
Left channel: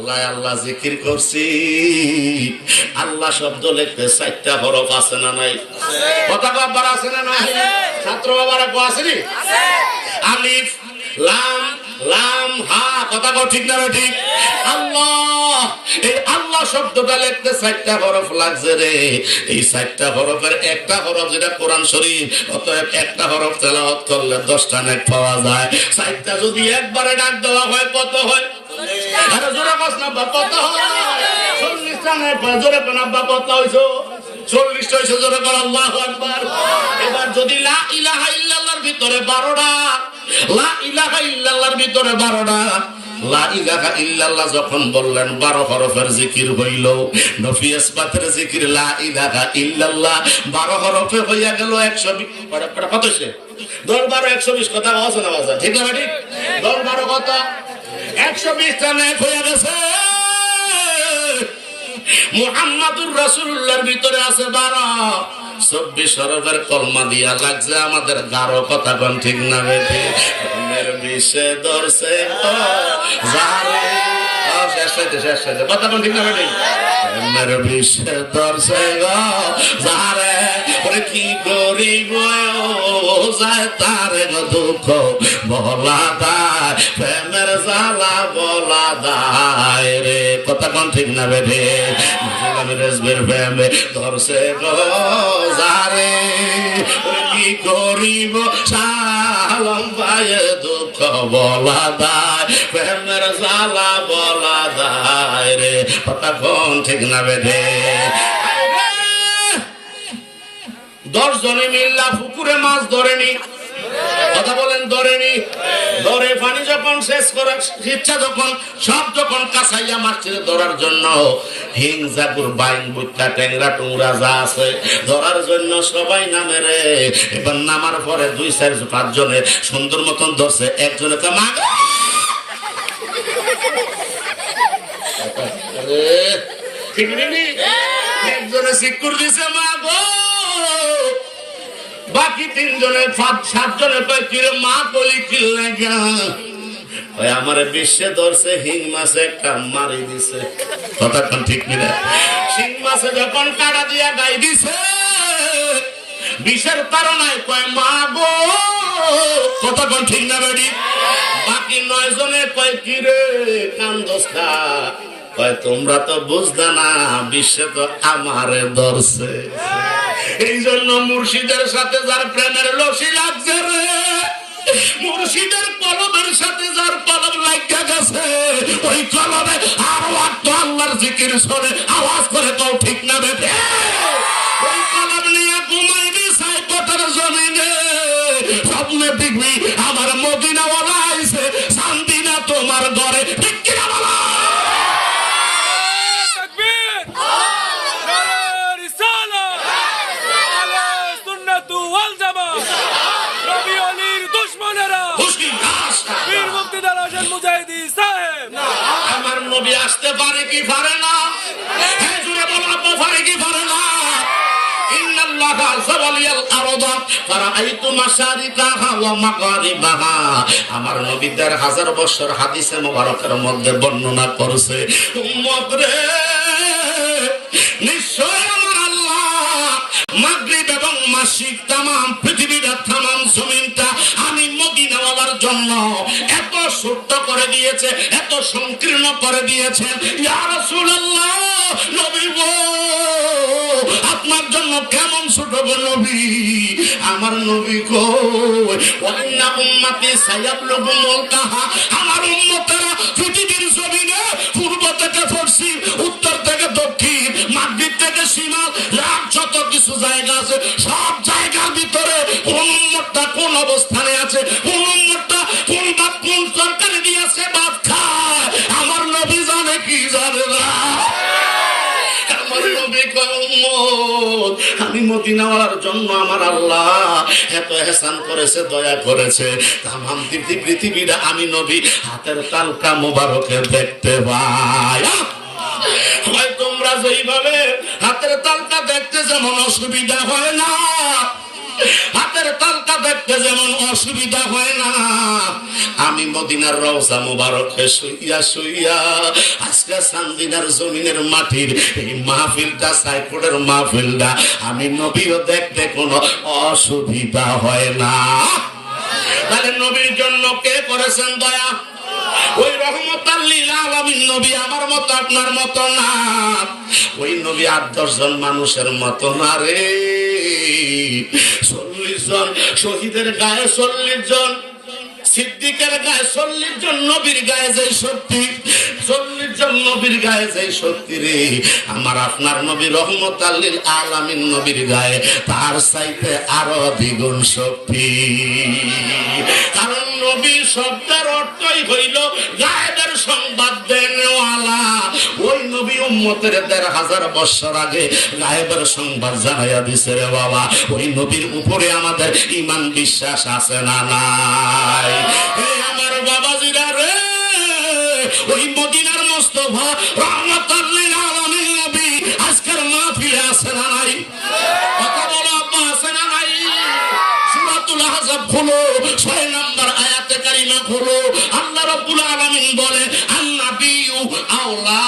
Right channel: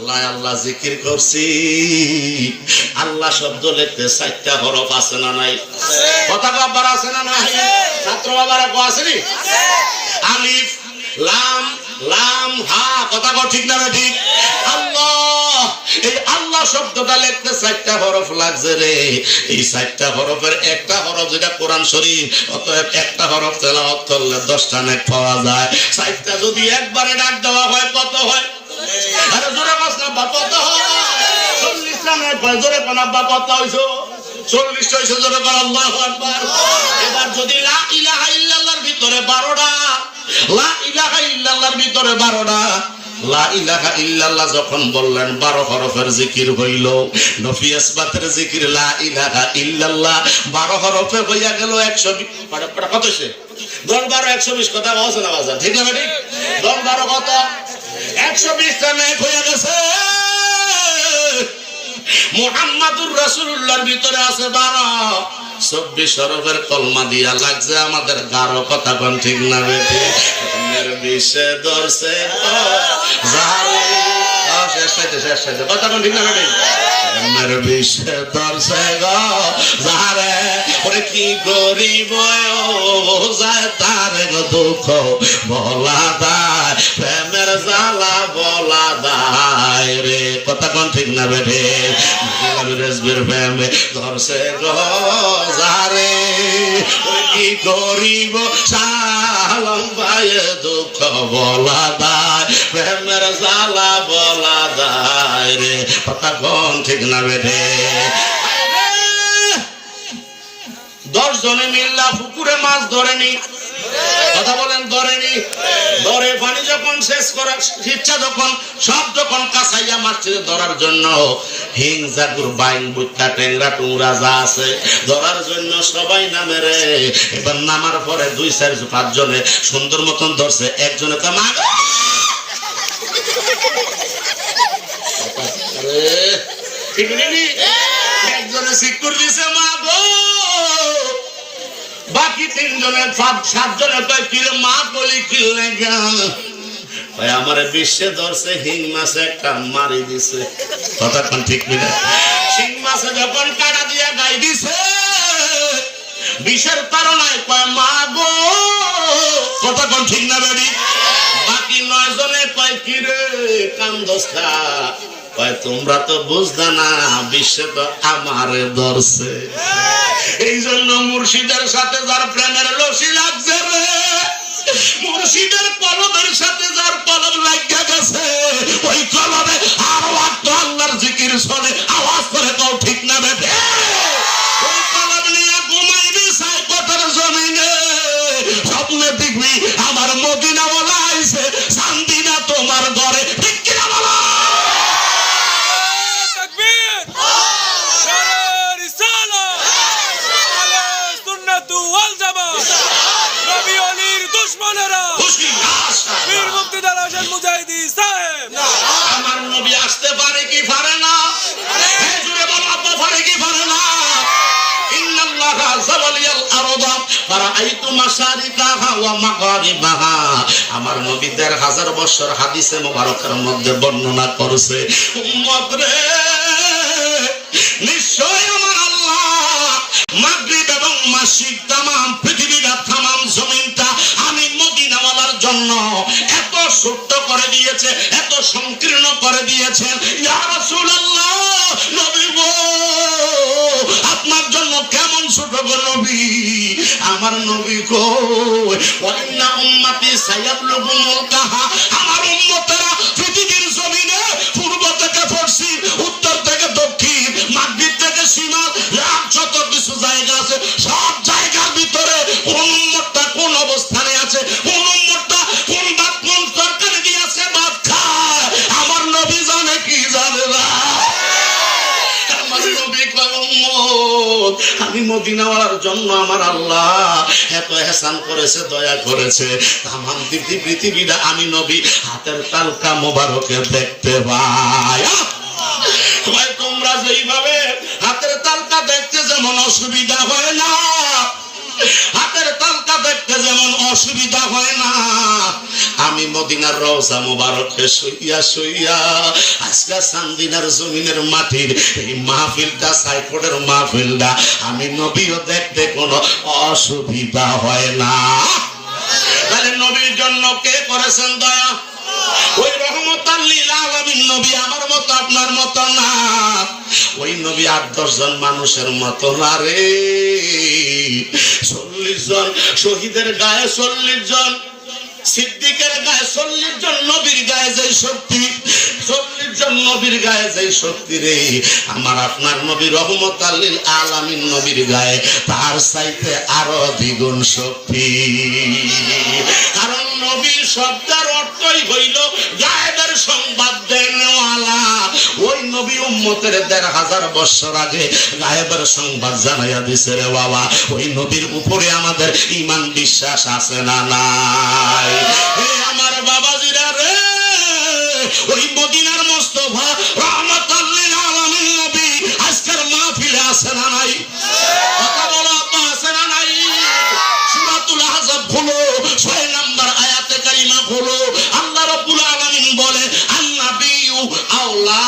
আল্লাহ আল্লাহ জিকির করছি। আল্লাহ শব্দ লিখতে 4টা হরফ আছে না নাই? কথা বাবার আছে না নাই? ছাত্র বাবারা কো আসেনি? আলিফ লাম লাম হা, কথা কো ঠিক না ঠিক? আল্লাহ, এই আল্লাহ শব্দটা লিখতে 4টা হরফ লাগছে রে। এই 4টা হরফের একটা হরফ যেটা কোরআন শরীফ, অতএব একটা হরফ তেলাওয়াত করলে 10টা নেক পাওয়া যায়। 4টা যদি একবারে ডাক দেওয়া হয় কত হয়? আরে জোরে কস না বাবা, কত হয়? 40টা নেক পাওয়া। জোরে কোন আব্বা কত হইছো? 40টা হইছে। জোরে কোন আল্লাহু আকবার। এবার যদি লা ইলাহা ইল্লাল্লাহর ভিতরে 12টা, লা ইলাহা ইল্লাল্লাহর ভিতরে 12টা, লা ইলাহা ইল্লাল্লাহ যখন বললেন 12 হরফের জিকির হইল। নফি ইসবাতের জিকির লা ইলাহা ইল্লাল্লাহ 12 হরফে হইয়া গেল 120। কত সে? 10 12 120 কথা আছে না বাজা? ঠিক না ঠিক? 10 12 কত? 120 টা নেক হয়ে গেছে। মুহাম্মাদুর রাসূলুল্লাহর ভিতরে আছে 12। 24 হরফের কলমা দিয়া লাগছে আমাদের 12। কথা কোন ঠিক না বেঠি? মের বিষে দরছে জালে শেষ কথা কোন ঠিক না বেঠি? মের বিষে দরছে জালে ওরে কি গরিব যায় তার দুঃখ বলা দায়, প্রেমের জ্বালা বলা দায় রে। কথা কোন ঠিক না বেঠি? রেজবের প্রেমে ধরছে গজারে কি করিব সালম পায়ে দুঃখ বলা দায়, প্রেমের জ্বালা বলা দায় রে। কথা কোন ঠিক না বেঠে? 10 জনে মিল্লা পুকুরে মাছ ধরেনি। কথা বলেন ধরেনি? ধরে পানি যখন শেষ করে ইচ্ছা যখন সব যখন কাছাইয়া মারছে ধরার জন্য, হিং জাগুর বাইন বুটকা টেংরা টুংরা যা আছে ধরার জন্য সবাই নামে রে। এবার নামার পরে 2 4 5 জনে সুন্দর মতন ধরছে। একজনে তো মা ঠিক নেই, একজনে সিকুর দিছে মা গো। বাকি 3 জনের 7 জনের কিরে মা বলি কিল আমার বিশ্বে ধরছে হিং মাছে একটা মারি দিছে। কথা ঠিক কিনা? শিং মাছে যখন কাটা দিয়া গাই দিছে বিষের তাড়নায় কয় মা গো। কথা ঠিক না বাড়ি? বাকি 9 জনে কয় কিরে কান্দস্তা, কয় তোমরা তো বুঝলা না বিশ্বে তো আমারে ধরছে। এই জন্য মুর্শিদের সাথে যার প্রেমের লসি লাগছে রে, মুর্শিদের কলমের সাথে যার কলম লাগিয়া গেছে, ওই কলমে আরো একটা আল্লাহর জিকির শুনে আওয়াজ করে তো ঠিক না বেঠে? ওই কলম নিয়ে ঘুমাইবি সাইকোটার জমিনে, স্বপ্নে দেখবি আমার মদিনা বলা আইছে, শান্তি না তোমার ঘরে। ঠিক কিনা বলা? আমার নবী আসতে পারে কি পারে না? জুড়ে বলো আব্বা পারে কি পারে না? ইন্নাল্লাহা যাওয়ালিয়াল আরদা ফারাআইতু মাশারিকাহা ওয়া মাগারিবাহা। আমার নবী 1000 বছর হাদিসে মুবারকের মধ্যে বর্ণনা করেছে, উম্মত রে নিশ্চয় আমার আল্লাহ মাগরিব এবং মাশরিক তামাম পৃথিবীটা তামাম জমিনটা আমি মদিনা ওয়ালার জন্য এত ছোট করে দিয়েছে, এত সংকীর্ণ করে দিয়েছেন। ইয়া রাসূলুল্লাহ, নবী গো আপনার জন্য কেমন ছোট গো নবী? আমার নবী গো ওয়া ইন্না উম্মতি সায়াবলুগু মুলকাহা, আমার উম্মতেরা পৃথিবীর জমিনে পূর্ব থেকে পশ্চিম, উত্তর থেকে দক্ষিণ, মাগরিব থেকে শিমাল, যত কিছু জায়গা আছে সব জায়গার ভিতরে কোন উম্মতটা কোন অবস্থানে আছে, কোন উম্মতটা কোন বাদ কোন সরকারে গিয়েছে বাদ খায়, আমার নবী জানে কি জানে না? আমার নবী কয় উম্মত আমি মদিনাওয়ালার জন্য আমার আল্লাহ এত ihsan করেছে, দয়া করেছে, তামাম পৃথিবীটা আমি নবী হাতের তালকা মোবারকে দেখতে পাই। হয় তোমরা যেইভাবে হাতের তালকা দেখতে যেমন অসুবিধা হয় না, হাতের তালকা দেখতে যেমন অসুবিধা হয় না, আমি মদিনার রওজা মুবারকে শুইয়া শুইয়া আজকে চান্দিনার জমিনের মাটির এই মাহফিলটা সাইফুরের মাহফিলটা আমি নবীও দেখতে কোনো অসুবিধা হয় না। তাহলে নবীর জন্য কে করেছেন দয়া? ওই রহমতাল লিল আলামিন নবী আমার মতো আপনার মতো না। ওই নবী 8-10 জন মানুষের মতো না রে। 40 জন শহীদের গায়ে 40 জন, সিদ্দিকের গায়ে 40 জন, নবীর গায়ে যে শক্তি 40 জন নবীর গায়ে যে শক্তি রে, আমার আপনার নবী রহমতাল লিল আলামিন নবীর গায়ে তার চাইতে আরো দ্বিগুণ শক্তি। কারণ নবীর শব্দের অর্থই হইল গায়েবের সংবাদ দেনওয়ালা। ওই নবী উম্মতের 1500 বছর আগে গায়েবের সংবাদ জানাইয়া দিছে রে বাবা। ওই নবীর উপরে আমাদের ঈমান বিশ্বাস আছে না নাই? আমার বাবাজিরা রে, ওই মদিনার মুস্তাফা রহমাতুল লিল আলামিন নবী আজকের মাহফিলে আছে না নাই? কথা বলো আব্বা, আছে না নাই? সূরাতুল আহজাব খুলো, 6 নম্বর আয়াতে কারিমা খুলো। আল্লাহ রাব্বুল আলামিন বলে আন-নাবিয়্যু আওলা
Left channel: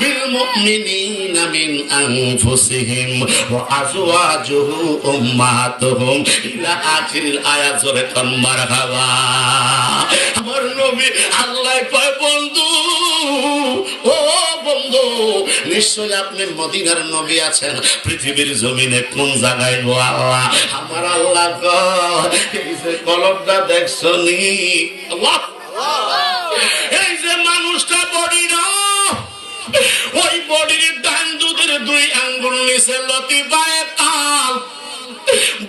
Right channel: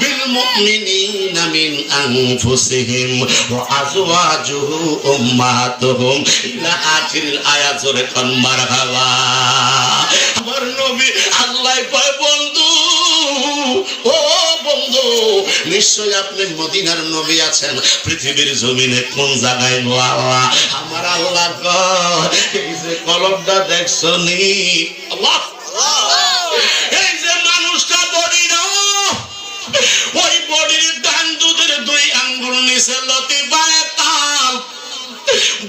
বিল মুমিনিনা মিন আনফুসিহিম ওয়া আজওয়াজুহু উম্মাহাতুহুম ইলা আখিরিল আয়াত। জোরে কান মারহাবা। আমার নবী আল্লাহ কয় বন্ধু, ও বন্ধু, নিশ্চয় আপনি মদিনার নবী আছেন, পৃথিবীর জমিনে কোন জায়গায় গো আল্লাহ? আমার আল্লাহ কয় এই যে কলমটা দেখছো নি আল্লাহ, এই যে মানুষটা বডি না, ওই বডির ডান দুধের 2 আঙ্গুল নিচে লতিফায় তাল,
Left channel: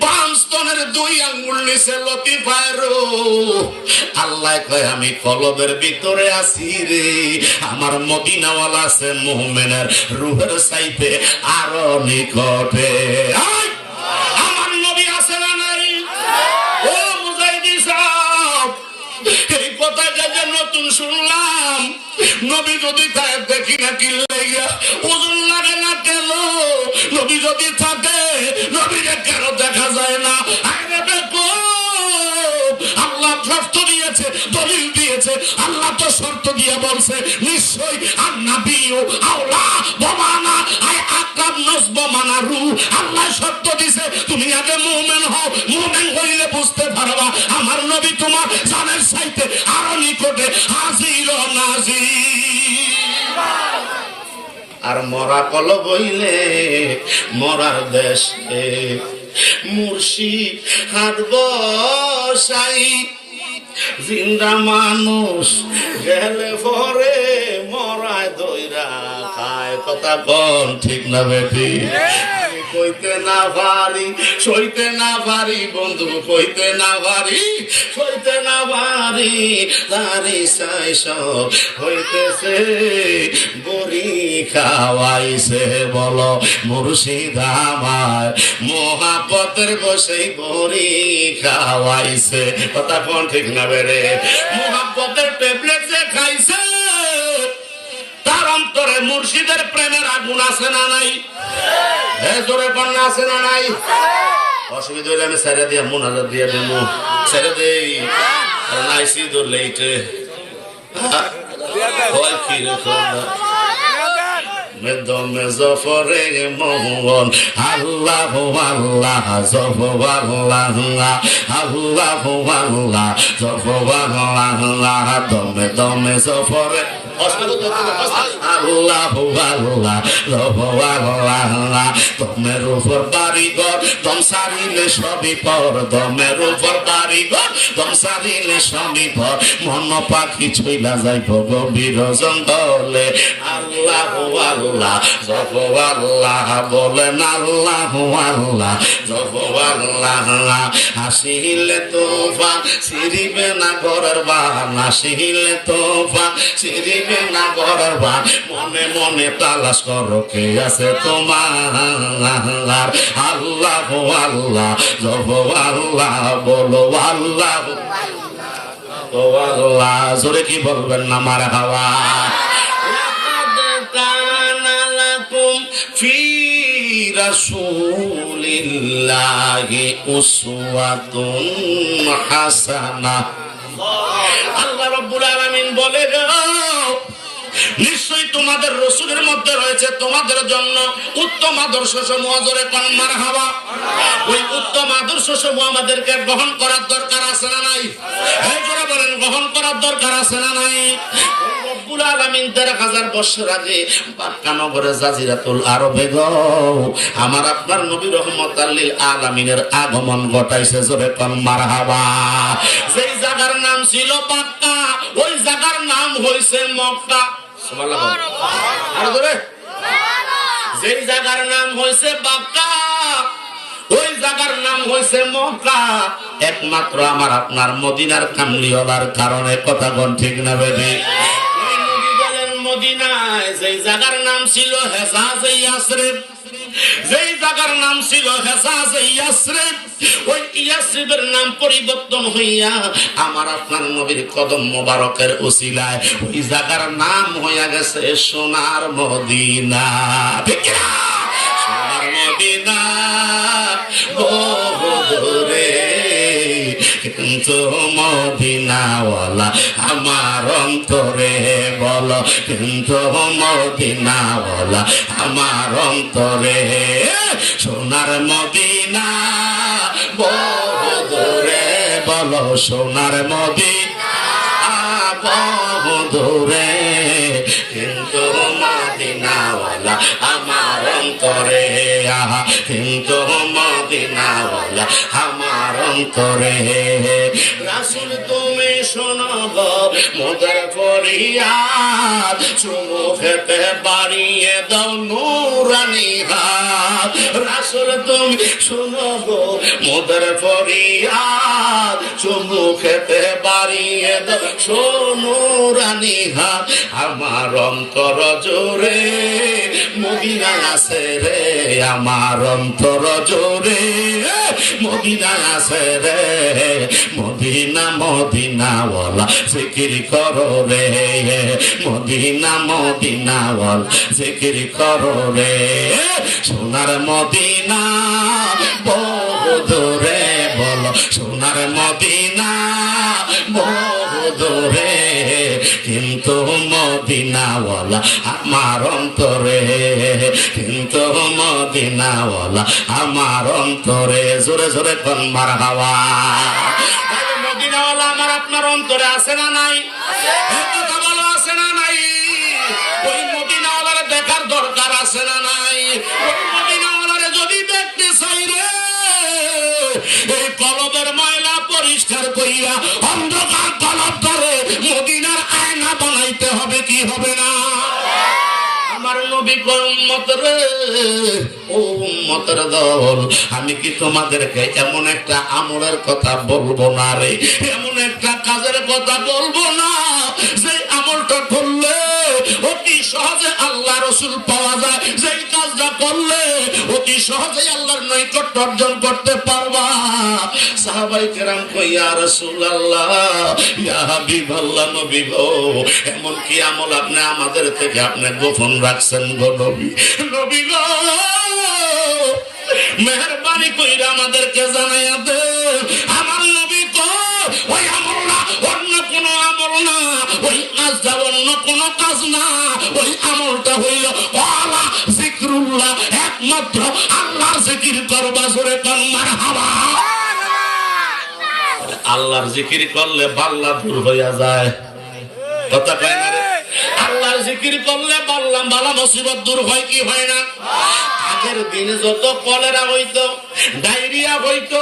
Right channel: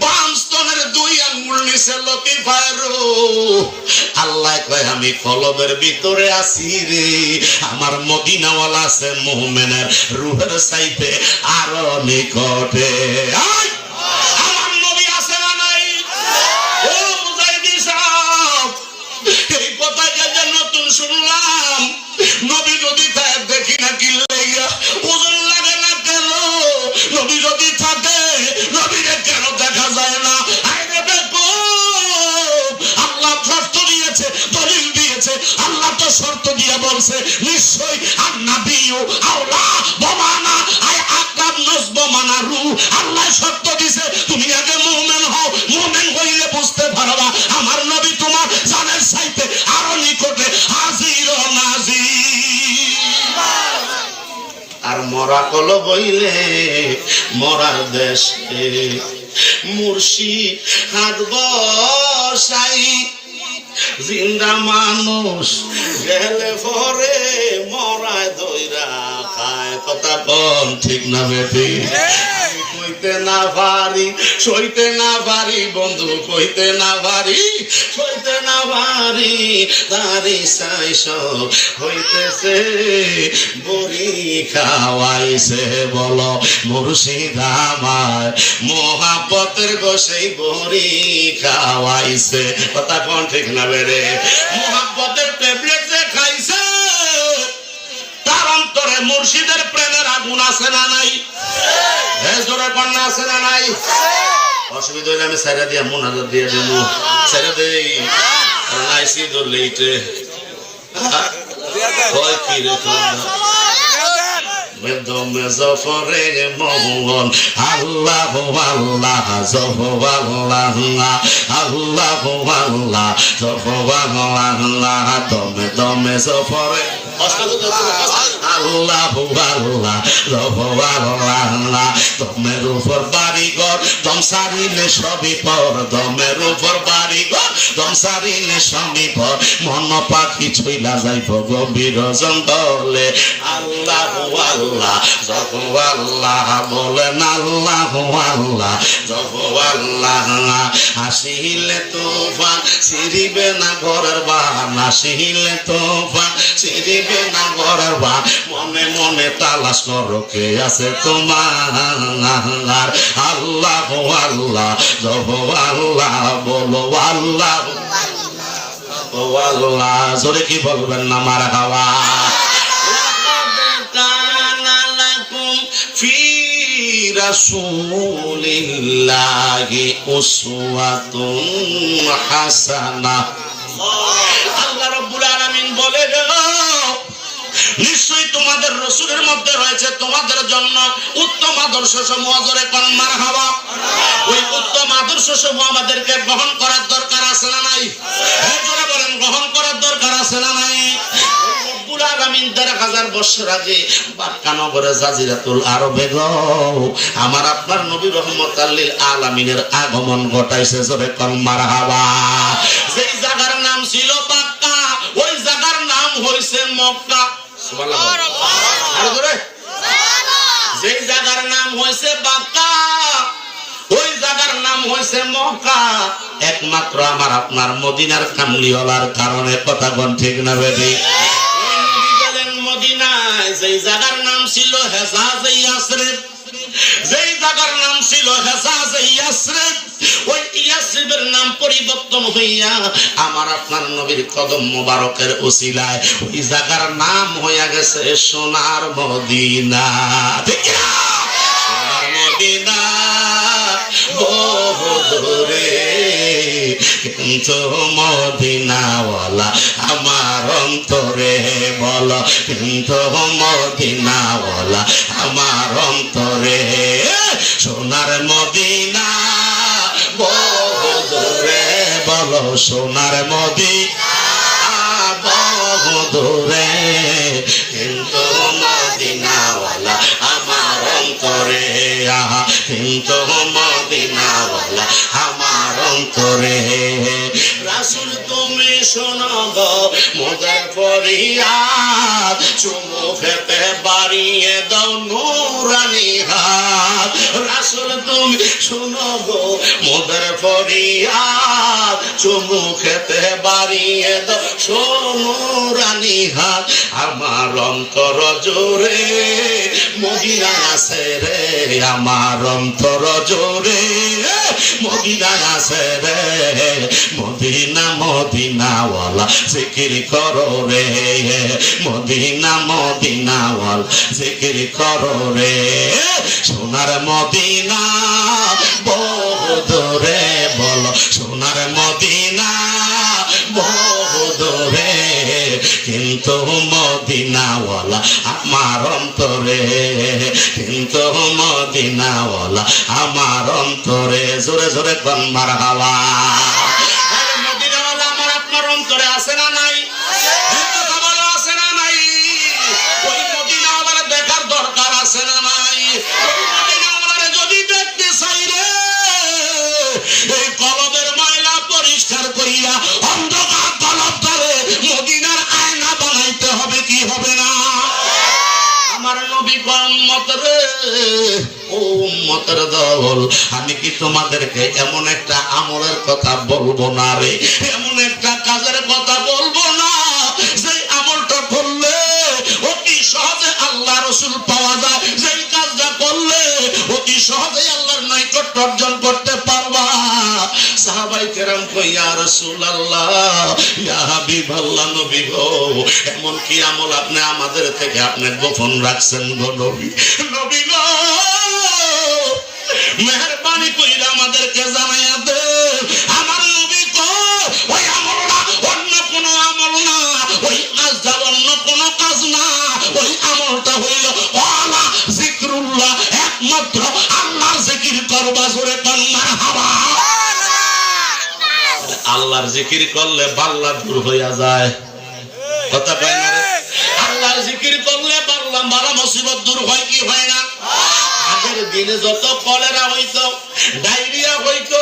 বাম স্তনের 2 আঙ্গুল নিচে লতিফায় রূহ। আল্লাহ কয় আমি কলবের ভিতরে আছি রে। আমার মদিনাওয়ালা আছে মুমিনের রূহের চাইতে আরো নিকটে। আমার নবী আছে না নাই? ও মুজাহিদিন সাহেব, এই কথাটা যে নতুন শুনলাম। নবী যদি থাকে দেখি না কি লাইয়া ওজন লাগে না কেন? নবী যদি থাকে নবীরে কেন দেখা যায় না? আরে দেখো, আল্লাহ শর্ত দিয়েছে, দলিল দিয়েছে। আল্লাহ তো শর্ত দিয়ে বলছে নিশ্চয়ই আন-নাবিয়্যু আওলা বিমানা আই আকরাব নাসবামানা রূহ। আল্লাহ শর্ত দিয়েছে তুমি আগে মুমিন হও, মুমিন হইলে বুঝতে পারবা আমার নবী তোমার জানের চাইতে আরো নিকটে হাজির ও নাজির। আর মরা কল বইলে মরার দেশে মুর্শিদ হাত বসাই, জিন্দা মানুষ গেলে পরে মরায় দইরা খায়। কথা কম ঠিক না বেটি? কইতে না পারি, সইতে না পারি বন্ধু, কইতে না পারি, সইতে না পারি। তারি সাইস হইতেছে বড়ি খাওয়াইছে, বলো মুর্শিদ আমার মহাব্বতের বসেই বড়ি খাওয়াইছে। কথা কোন ঠিক না বেরে? মহাব্বতের ট্যাবলেট যে খাইছে তার অন্তরে মুর্শিদের প্রেমের আগুন আছে না নাই? আছে না নাই? অসুবিধা হইলে আমি ছেড়ে দিয়ে মুনাজাত দিয়ে দিব, ছেড়ে দেই নাইসি ধরলে এইটে কি রেখো দমে জফরে মোহন আল্লাহ আল্লাহ জফ আল্লাহ আল্লাহ আল্লাহ জফ আল্লাহ দমে দমে জফরে আল্লাহ আল্লাহ জফ আল্লাহ দমের উপর বাড়িঘর দম সারিলে সবই পর, দমের উপর বাড়িঘর দম সারিলে সবই পর। মন পাখি ছুইলা যাইব গভীর জঙ্গলে। আল্লাহ আল্লাহ জপ আল্লাহ বলেন আল্লাহ আল্লাহ জপ আল্লাহ। হাসিলে তোফান সিরিবে না ঘরের বান, হাসিলে তোফান সিরিবে না ঘরের বান। মনে মনে তালাশ করো কে আছে তোমার। আল্লাহ আল্লাহ জপ আল্লাহ বলো আল্লাহ ও আল্লাহ। জোরে কি বলবেন না মারহাবা? ফি রাসূলিল্লাহি উসওয়াতুন হাসানাহ। আল্লাহ রাব্বুল আলামিন বলে নিশ্চয়ই তোমাদের রাসূলের মধ্যে রয়েছে তোমাদের জন্য উত্তম আদর্শ সমূহ। জোরে কোন মারহাবা। ওই উত্তম আদর্শ সমূহ আমাদেরকে গ্রহণ করার দরকার আছে না নাই? জোরে বলেন, গ্রহণ করার দরকার আছে না নাই? রব্বুল আলামিন ১৩,০০০ বছর আগে মক্কা নগরে জাজিরাতুল আরবে আমার আপনার নবী রহমতুল লিল আলামিনের আগমন ঘটাইছে। জোরে কোন মারহাবা। যেই জায়গার নাম ছিল মক্কা, ওই জায়গার নাম হইছে মক্কা। যেই জায়গার নাম হয়েছে মক্কা, ওই জায়গার নাম হয়েছে মক্কা। একমাত্র আমার আপনার মদিনার কামলিওয়ালার কারণে। কথা কোন ঠিক না বেবি? ওই নবী গেলেন মদিনায়, যেই জায়গার নাম ছিল হেজাজে ইয়াসরিব, যেই জায়গার নাম ছিল হেজাজে ইয়াসরিব, ওই ইয়াসরিবের নাম পরিবর্তন হইয়া আমার আপনার নবীর কদম মোবারকের উসিলায় ওই জায়গার নাম হইয়া গেছে সোনার মদিনা। ঠিক না? সোনার মদিনা বহু দূরে, কিন্তু মদিনাওয়ালা আমার অন্তরে। বলো, কিন্তু মদিনাওয়ালা আমার অন্তরে। সোনার মদিনা বহু দূরে, বলো সোনার মদিনা বহু দূরে, কিন্তু মদিনাওয়ালা আমার অন্তরে। কিন্তু মদিনাওয়ালা আমার অন্তরে। রাসূল তুমি শোনো গো মোদের ফরিয়াদ, চুমু খেতে বাড়িয়ে দাও নূরানি হাত। রাসূল তুমি শোনো গো মোদের ফরিয়াদ, চুমু খেতে বাড়িয়ে দাও সোনুরানি হাত। আমার অন্তর জোরে মদিনা আছে রে, আমার অন্তর জোরে মদিনা আছে রে। মদিনা মদিনাওয়ালা জিকির করো রে, মদিনা মদিনাওয়ালা জিকির করো রে। সোনার মদিনা বহু দূরে, বলো সোনার মদিনা বহু দূরে, কিন্তু মদিনাওয়ালা আমার অন্তরে। কিন্তু মদিনাওয়ালা আমার অন্তরে। জোরে জোরে কোন মারহাবা। মদিনাওয়ালা আমার আপনার অন্তরে আছে না নাই? আছে না নাই? ওই মদিনাওয়ালার দেখার দরকার আছে না নাই? ওই মদিনাওয়ালারে যদি দেখতে চাই রে, এই কলবের ময়লা পরিষ্কার করিয়া অন্ধকার কলব ধরে মদিনার আয়না বানাইতে হবে। কি হবে না? আমার নবী উম্মত রে, ও উম্মতের দল, আমি কি তোমাদেরকে এমন একটা আমলের কথা বলবো না রে, এমন একটা কাজের কথা বলবো না যে আমলটা করলে অতি সহজে আল্লাহ রাসূল পাওয়া যায়, যে কাজটা করলে অতি সহজে আল্লাহর নৈকট্য অর্জন করতে পারবা। সাহাবায়ে কেরাম কই, ইয়া রাসূলুল্লাহ, ইয়া হাবিবাল্লাহ, নবী গো, এমন কি আমল আপনি আমাদের থেকে আপনি গোপন রাখছেন গো নবী? নবী গো, মেহেরবানি কইরা আমাদেরকে জানাইয়া দে। আমার নবী তো ওই আমল না, অন্য কোনো আমল না, ওই কাজটা অন্য কোনো কাজ না, ওই আমলটা হইল ওয়ালা যিকরুল্লাহ, একমাত্র আল্লাহর জিকির করবা। জোরে কোন মারহাবা। আল্লাহর জিকির করলে বাল্লা দূর হইয়া যায়। কথা কয় না? আল্লাহর জিকির করলে বাল্লা বালা মুসিবত দূর হয় কি হয় না? আগের দিনে যত কলেরা হইতো, ডায়রিয়া হইতো,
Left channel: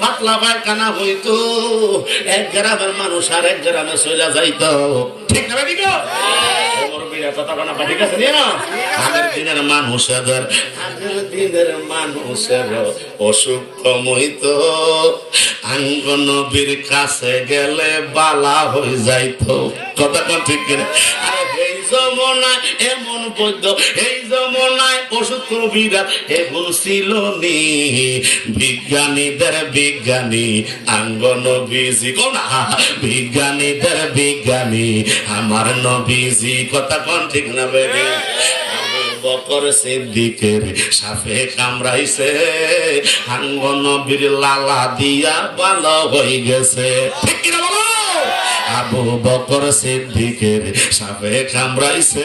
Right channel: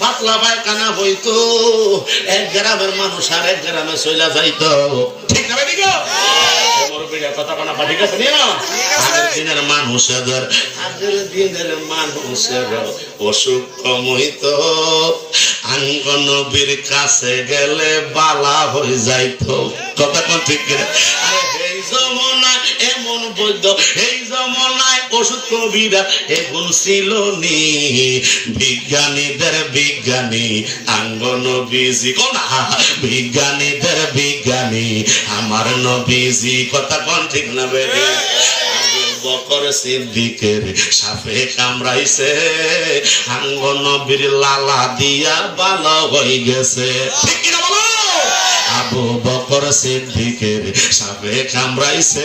পাতলা পায়খানা হইতো, এক গ্রামের মানুষ আর এক গ্রামে চলে যাইতো। ঠিক না ভাই? আগের দিনের মানুষের অসুখ কম হইতো, আঙ্গ নবীর কাছে গেলে বালা হয়ে যাইতো। কথা কোন ঠিক কিনা? এই জমানায় এমন বৈদ্য, এই জমানায় ওষুধ কবিরা এখন ছিল নি, বিজ্ঞানীদের বিজ্ঞানী আঙ্গ নবীজি। কোনা বিজ্ঞানীদের বিজ্ঞানী আমার নবীজি। কথা কোন ঠিক না বেগে? বকর সিদ্দিকের সাপে কামড়াইছে, আঙ্গ নবীর লালা দিয়া ভালো হয়ে গেছে। ঠিক কিনা বলো? আবু বকর সিদ্দিকের সাপে কামড়াইছে,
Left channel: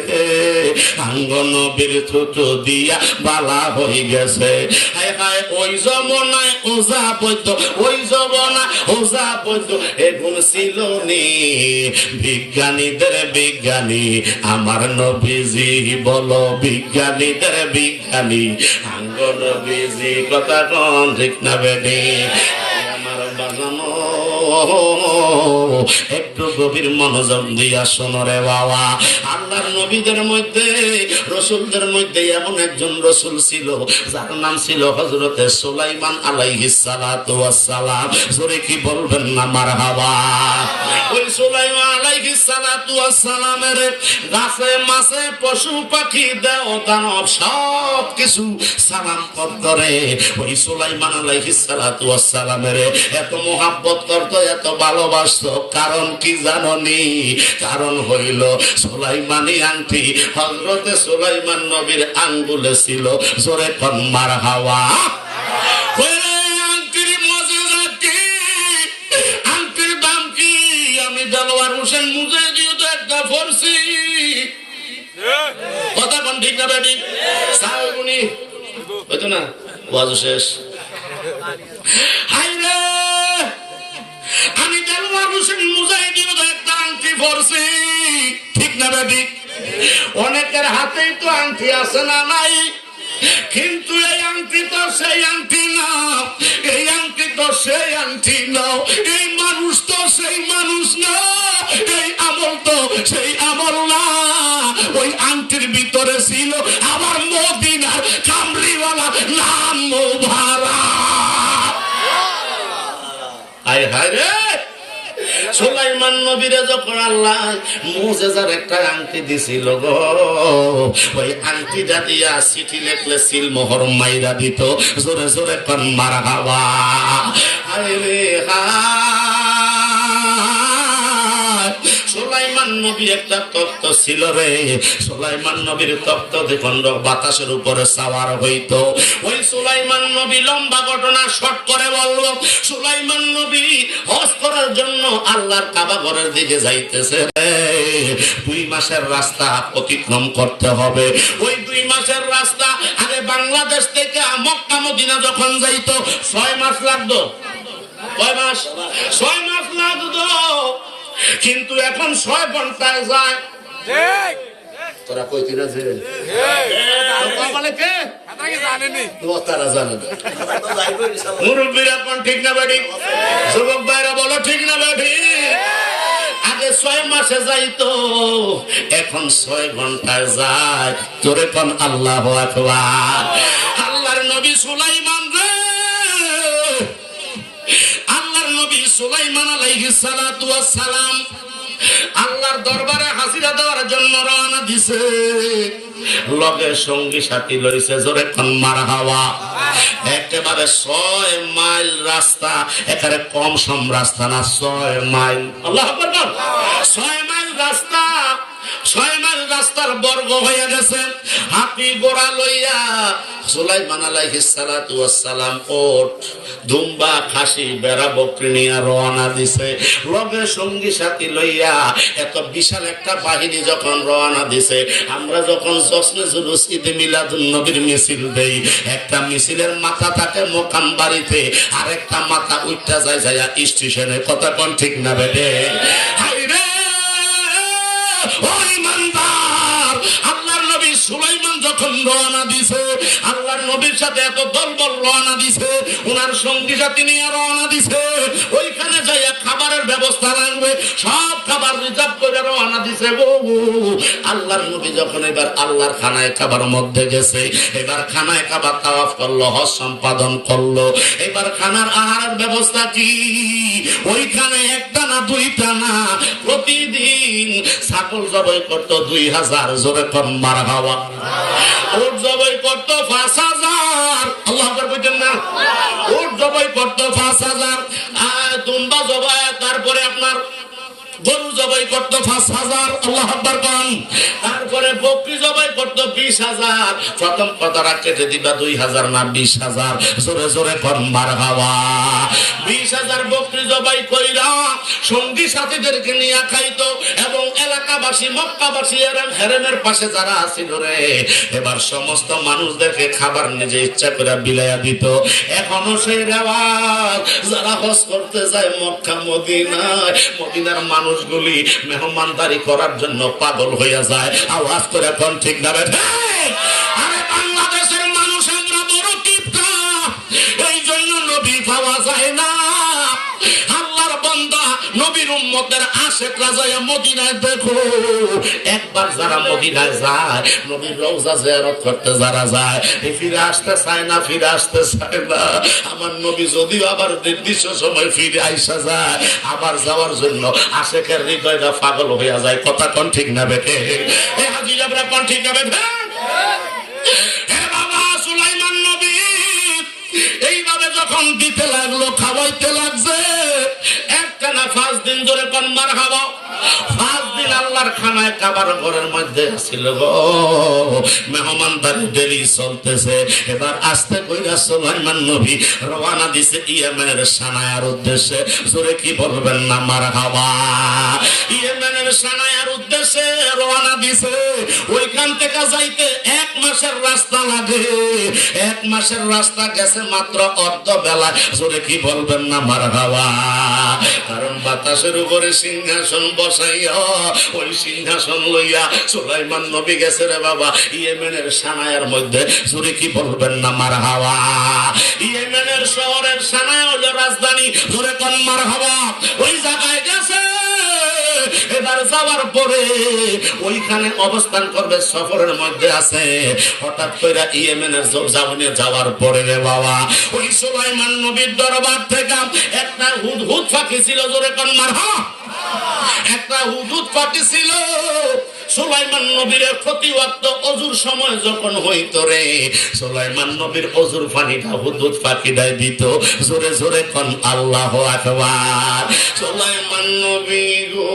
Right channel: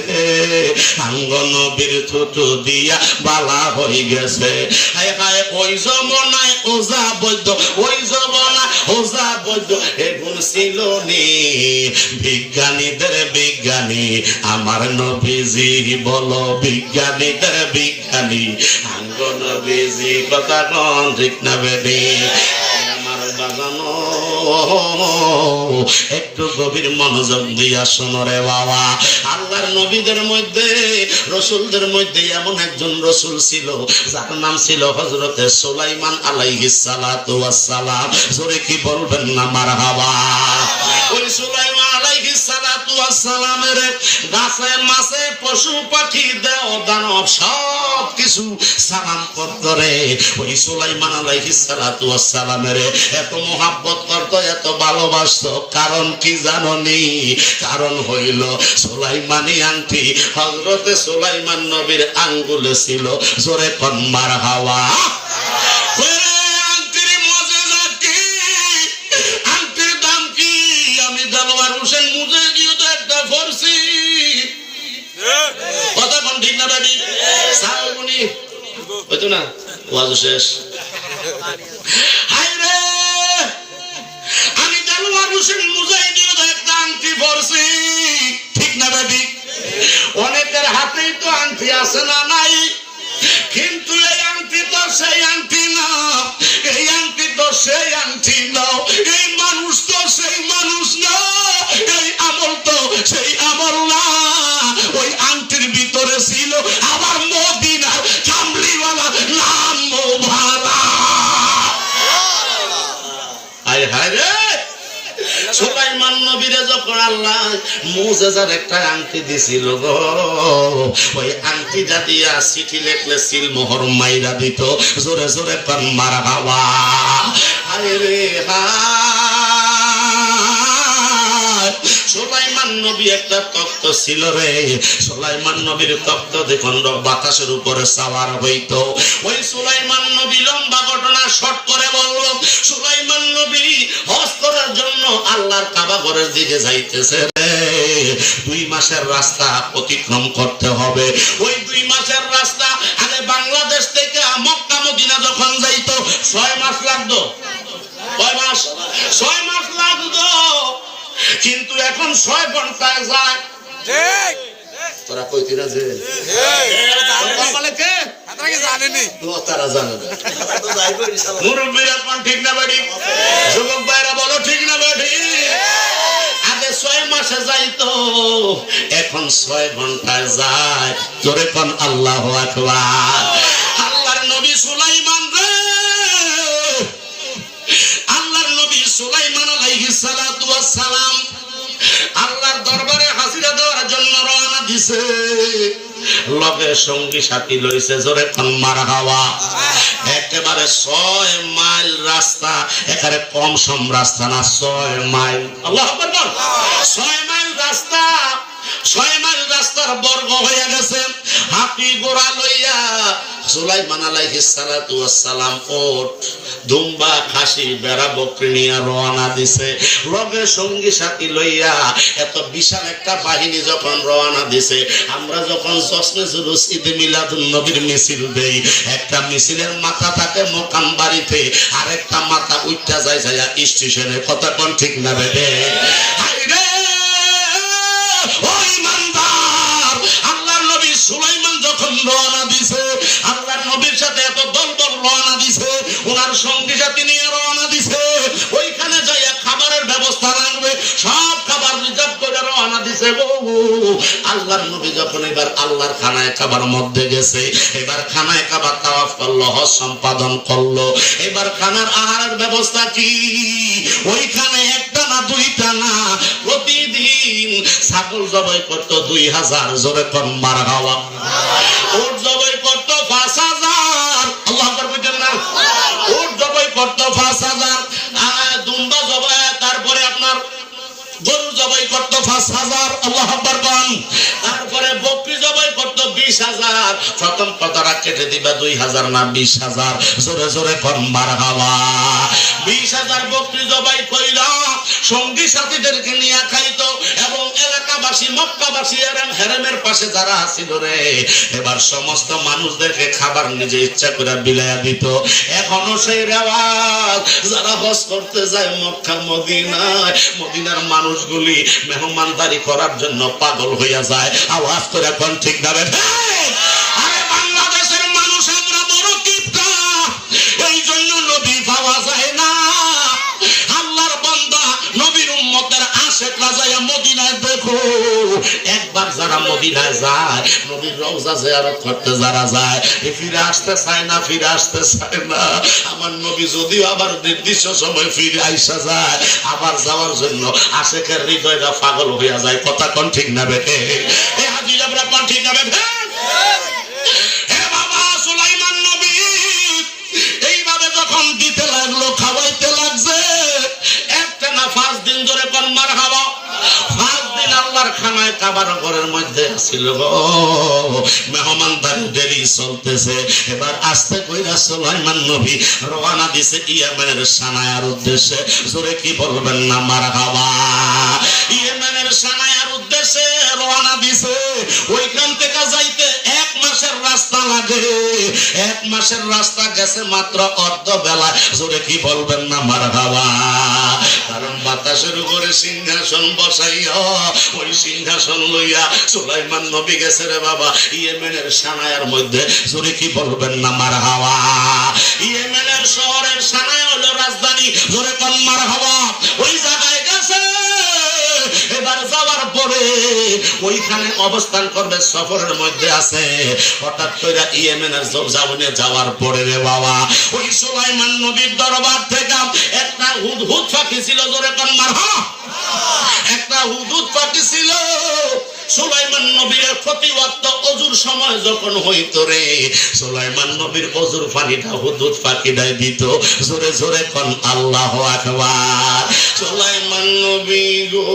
আঙ্গ নবীর থুতু দিয়া বালা হয়ে গেছে। হায় হায় ওই জমানায় ওজা বৈদ্য, ওই জমানায় ওজা বৈদ্য এগুন ছিল নি। বিজ্ঞানীদের বিজ্ঞানী আমার নবীজি, বলো বিজ্ঞানীদের বিজ্ঞানী আঙ্গ নবীজি, কথা কোন ঠিক না বেডি? আমার বাগানো একটু গভীর মনোযোগ দিয়া শোনো রে বাবা। আল্লাহর নবীদের মধ্যে, রসুলদের মধ্যে এমন একজন রসুল ছিল যার নাম ছিল হযরতে সুলাইমান আলাইহিস সালাতু ওয়াস সালাম। জোরে কি বলবেন না মারহাবা? ওই সুলাইমান আলাইহিস সালাতু ওয়াস সালামের গাছে মাছে পশু পাখি দেও দানব সব কিছু সালাম করে। ওই সুলাইমান আলাইহিস সালাতু ওয়াস সালামের এত মোহাব্বত করত, এত ভালোবাসতো। কারণ কি জাননি? কারণ হইল সুলাইমানি আংটি হযরতে সুলাইমান নবীর আঙ্গুলে ছিল। জোরে কোন মারহাবা। আংটির মজেজা কি? আংটির দাম কি? আমি দেলোয়ার হোসেন মুজাহিদিও তো একটা পড়ছি। কথা কোন ঠিক না বেটি? সাউনি হইতো না, ওয়াজ শেষ। আমি দেলোয়ার হোসেন মুজাহিদিও তো একটা আংটি পড়ছি, ঠিক না বেটি? অনেকের হাতেই তো আংটি আছে না নাই, কিন্তু এই আংটি তো সেই আংটি না, এই আংটি তো সেই আংটি না, এই মানুষ তো সেই মানুষ না, এই আমল তো সেই আমল না। ওই আংটির ভিতরে ছিল আমার মদিনার কামলিওয়ালা নাম মোবারক। হায় হায় রে, সুলাইমান নবীরে যখন আল্লাহ মুজিজার একটা আংটি দিছিল গো, ওই আংটিটা দিয়া চিঠি লিখলে সিল মোহর মাইরা দিত। জোরে জোরে কান মারহাবা। হায় রে সুলাইমান নবী একটা তখ্ত ছিল রে। সুলাইমান নবীর তখ্ত দেখুন বাতাসের উপরে সাওয়ার হইতো। ওই সুলাইমান নবী লম্বা ঘটনা শর্ট করে বলবো, সুলাইমান নবী হজ করার জন্য আল্লাহর কাবা ঘরের দিকে যাইতেছে রে। 2 মাসের রাস্তা অতিক্রম করতে হবে। ওই 2 মাসের রাস্তা আগে বাংলাদেশ থেকে মক্কা মদিনা যখন যাইতো 6 মাস লাগতো। কয় মাস? 6 মাস লাগতো, কিন্তু এখন 6 ঘন্টায় যায়। ঠিক তোরা কইতি না যে তারা জানে না। মুরব্বীরা কোন ঠিক না বেটি? যুবক ভাইরা বলো ঠিক না বেটি? আগে 6 মাসে যাইতো, এখন 6 ঘন্টায় যায়। তোরে কোন আল্লাহু আকবার। আল্লাহর নবী সুলাইমান রে, আল্লাহর নবী সুলাইমান আলাইহিস সালাতু ওয়াস সালাম আল্লাহর দরবারে হাজিরা দেওয়ার জন্য রওনা দিছে। লগে সঙ্গী সাথী লইছে। জোরে কোন মারহাবা। একেবারে 6 মাইল রাস্তা, একেবারে কম সম রাস্তা না, 6 মাইল। আল্লাহু আকবার। 6 মাইল রাস্তা, 6 মাইল রাস্তার বর্গ হয়ে গেছে। হাতি ঘোড়া লইয়া সুলাইমান আলাইহিস সালাতু ওয়াস সালাম ওট দুম্বা খাসি বেড়া বকরি নিয়ে রওনা দিছে। লগে সঙ্গী সাথী লইয়া এত বিশাল একটা বাহিনী যখন রওনা দিছে, আমরা যখন জশ্নে জুলুস ঈদে মিলাদুন নবীর মিছিল দেই, একটা মিছিলের মাথা থাকে মোকাম বাড়িতে, আর একটা মাথা উঠটা যায় যায় স্টেশনে। কথা কোন ঠিক না রে? ওই মানদার আল্লাহর নবী সুলাইমান যখন রওনা দিছে, আল্লাহর নবীর সাথে এত দলবল রওনা দিছে, ওনার সঙ্গী সাথী নিয়ে রওনা দিছে। ওইখানে যাইয়া খাবারের ব্যবস্থা রাখবে, সব খাবার রিজার্ভ করে রওনা দিছে। আল্লাহর নবী যখন এবার আল্লাহর খানায় খাবার মধ্যে গেছে, এবার খানায় খাবার তাওয়াফ করলো, হজ সম্পাদন করলো। এবার খানার আহারের ব্যবস্থা কি? ওইখানে একটা না দুইটা না, প্রতিদিন ছাগল জবাই করতো 2000। জোরে কম মারহাবা। উট জবাই করতো 5000। আল্লাহু আকবার বলেন না? উট জবাই করতো 5000। দুম্বা জবাই, তারপরে আপনার গরু জবাই করতো 5000। আল্লাহু আকবার বলেন। তারপরে বকরি জবাই করতো 20000। প্রথম কথাটা কেটে দিবা 2000 না 20,000, জোরে জোরে কোন মারহাবা। 20,000 বকরি জবাই কইরা সঙ্গী সাথীদেরকে নিয়ে খাইতো এবং এলাকাবাসী মক্কাবাসী হেরেমের পাশে যারা আছিল রে, এবার সমস্ত মানুষ দেখে খাবার নিজে ইচ্ছা করে বিলাইয়া দিত। এখনো সেই রেওয়াজ, যারা হজ করতে যায় মক্কা মদিনায়, মদিনার মানুষগুলি মেহমানদারি করার জন্য পাগল হইয়া যায়। আওয়াজ করে কোন ঠিক না রে? আরে বাংলাদেশের মানুষ আমরা বড় কিপটা, এই জন্য নবী পাওয়া যায় না। আল্লাহর বান্দা নবীর উম্মতের আশেকরা যায় মদিনায় দেখো। একবার যারা মদিনায় যায়, নবীর রওজা জিয়ারত করতে যারা যায়, ফিরে আসতে চায় না, ফিরে আসতে চায় না। আমার নবী যদিও আবার নির্দিষ্ট সময় ফিরে আইসা যায়, আবার যাওয়ার জন্য আশেকের হৃদয়টা পাগল হইয়া যায়। কথা কোন ঠিক না বেটে? এ হাজিরা কোন ঠিক না বেটে? এ বাবা, সুলাইমান নবী এইভাবে যখন দিতে লাগলো, খাওয়াইতে লাগছে, একটা না 5 দিন ধরে কোন মারহাবা। 5 দিন আল্লাহর খানায় কাবার ঘরের মধ্যে ছিল গো, মেহমানদারি দেরি চলতেছে। এবার আস্তে কইরা সুলাইমান নবী রওনা দিছে ইয়েমেনের সানায়ার উদ্দেশ্যে। জোরে কি বলবেন না মারহাবা? ইয়েমেনের সানায়ার উদ্দেশ্যে রওনা দিছে। ওইখান থেকে যাইতে 1 মাসের রাস্তা লাগে। 1 মাসের রাস্তা গেছে মাত্র অর্ধ বেলা। জোরে কি বলবেন না মারহাবা? কারণ বাতাসের উপরে সিংহাসন বসাইয়া, ওই সিংহাসন লইয়া সুলাইমান নবী গেছে রে বাবা ইয়েমেনের সানায়ার মধ্যে। জোরে কি বলবেন না মারহাবা? ইয়েমেনের শহরের সানায়া হলো রাজধানী। জোরে কোন মারহাবা? ওই জায়গায় গেছে। এবার যাওয়ার পরে ওইখানে অবস্থান করবে, সফরের মধ্যে আছে। হঠাৎ করে ইয়েমেনের জমিনে যাওয়ার পরে রে বাবা, ওই সুলাইমান নবীর দরবার থেকে একটা হুদহুদ পাখি ছিল। জোরে কোন মারহাবা? একটা হুদহুদ পাখি ছিল। সুলাইমান নবীর প্রতি ওয়াক্ত অজুর সময় যখন হইতো রে, সুলাইমান নবীর অজুর পানিটা হুদহুদ পাখিটাই দিত। জোরে জোরে কোন আল্লাহু আকবার। সুলাইমান নবী গো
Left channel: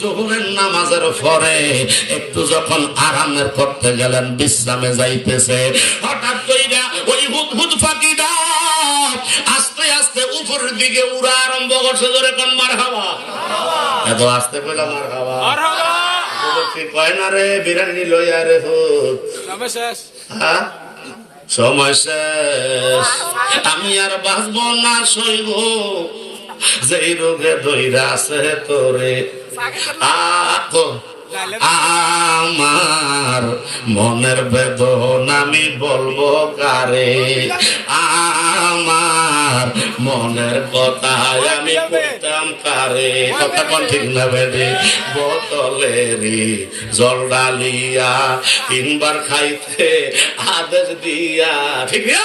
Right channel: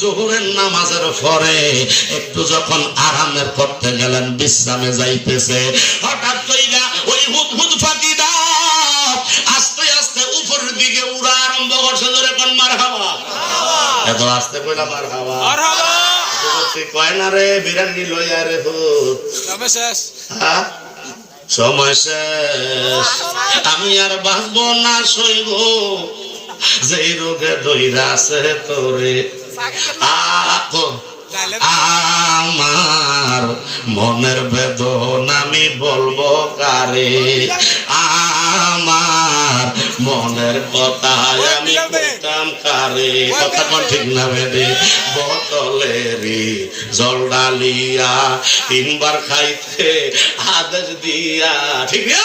যোহরের নামাজের পরে একটু যখন আরামের করতে গেলেন, বিশ্রামে যাইতেছে, হঠাৎ কইরা ওই হুদহুদ পাখিটা আস্তে আস্তে উপরের দিকে উড়া আরম্ভ করছে। ধরে কোন মারহাবা? এত আস্তে কইলা মারহাবা? মারহাবা বলছি কয় না রে, বিরানি লইয়া রে হুদ সময় শেষ। হ্যাঁ সময় শেষ, আমি আর বাঁচবো না, সইব যেই রোগে দইরা আছে তোরে। আমার মনের বেদনা আমি বলবো কারে, আমার মনের কথা আমি বলতাম কারে। কথা কোন ঠিক না বেদে? বোতলেরই জল ডালিয়া 3 বার খাইতে আদেশ দিয়া। ঠিক না?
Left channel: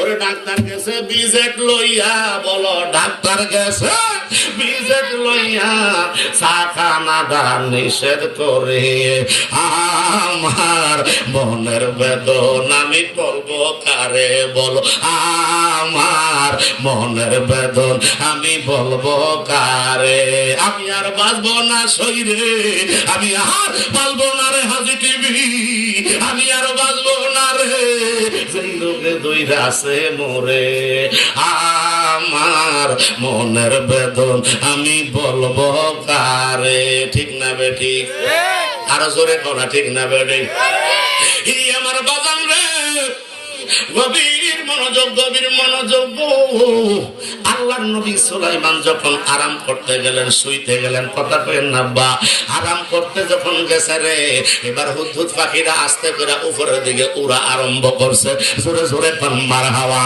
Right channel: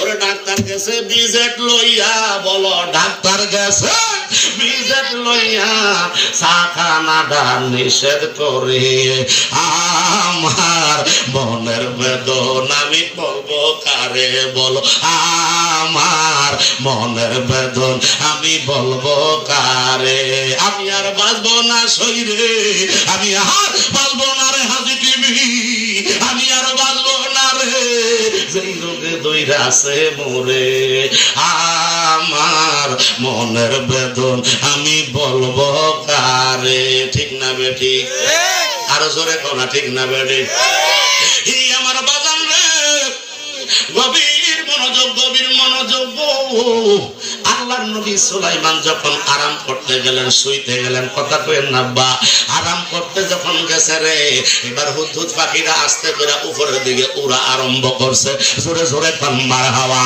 ওরে ডাক্তার গেছে বিজেট লইয়া, বলো ডাক্তার গেছে বিজেট লইয়া, সাখানা দান নিষেধ করে। আমার মনের বেদনা আমি বলবো কারে, বলো আমার মনের বেদন আমি বলবো কারে। আমি আর বাঁচবো না শরীরে, আমি আর বাঁচবো না রে হাজি টিভি, আমি আর বাঁচবো না রে যেই রোগে দইরা আছে মোরে। আমার মনের বেদন আমি বলবো কারে। ঠিক না বেটি? আর জোরে কোনা ঠিক না বেটি? আমার বাজান রে, গভীর মনোযোগ, গভীর মনোযোগ। আল্লাহর নবী সুলাইমান যখন আরাম করতে গেলেন, শুইতে গেলেন, কথা কইেন না বা, আরাম করতে যখন গেছে রে, এবার হুদহুদ পাখিরা আস্তে করে উপরের দিকে উড়া আরম্ভ করছে। জোরে জোরে মারহাবা।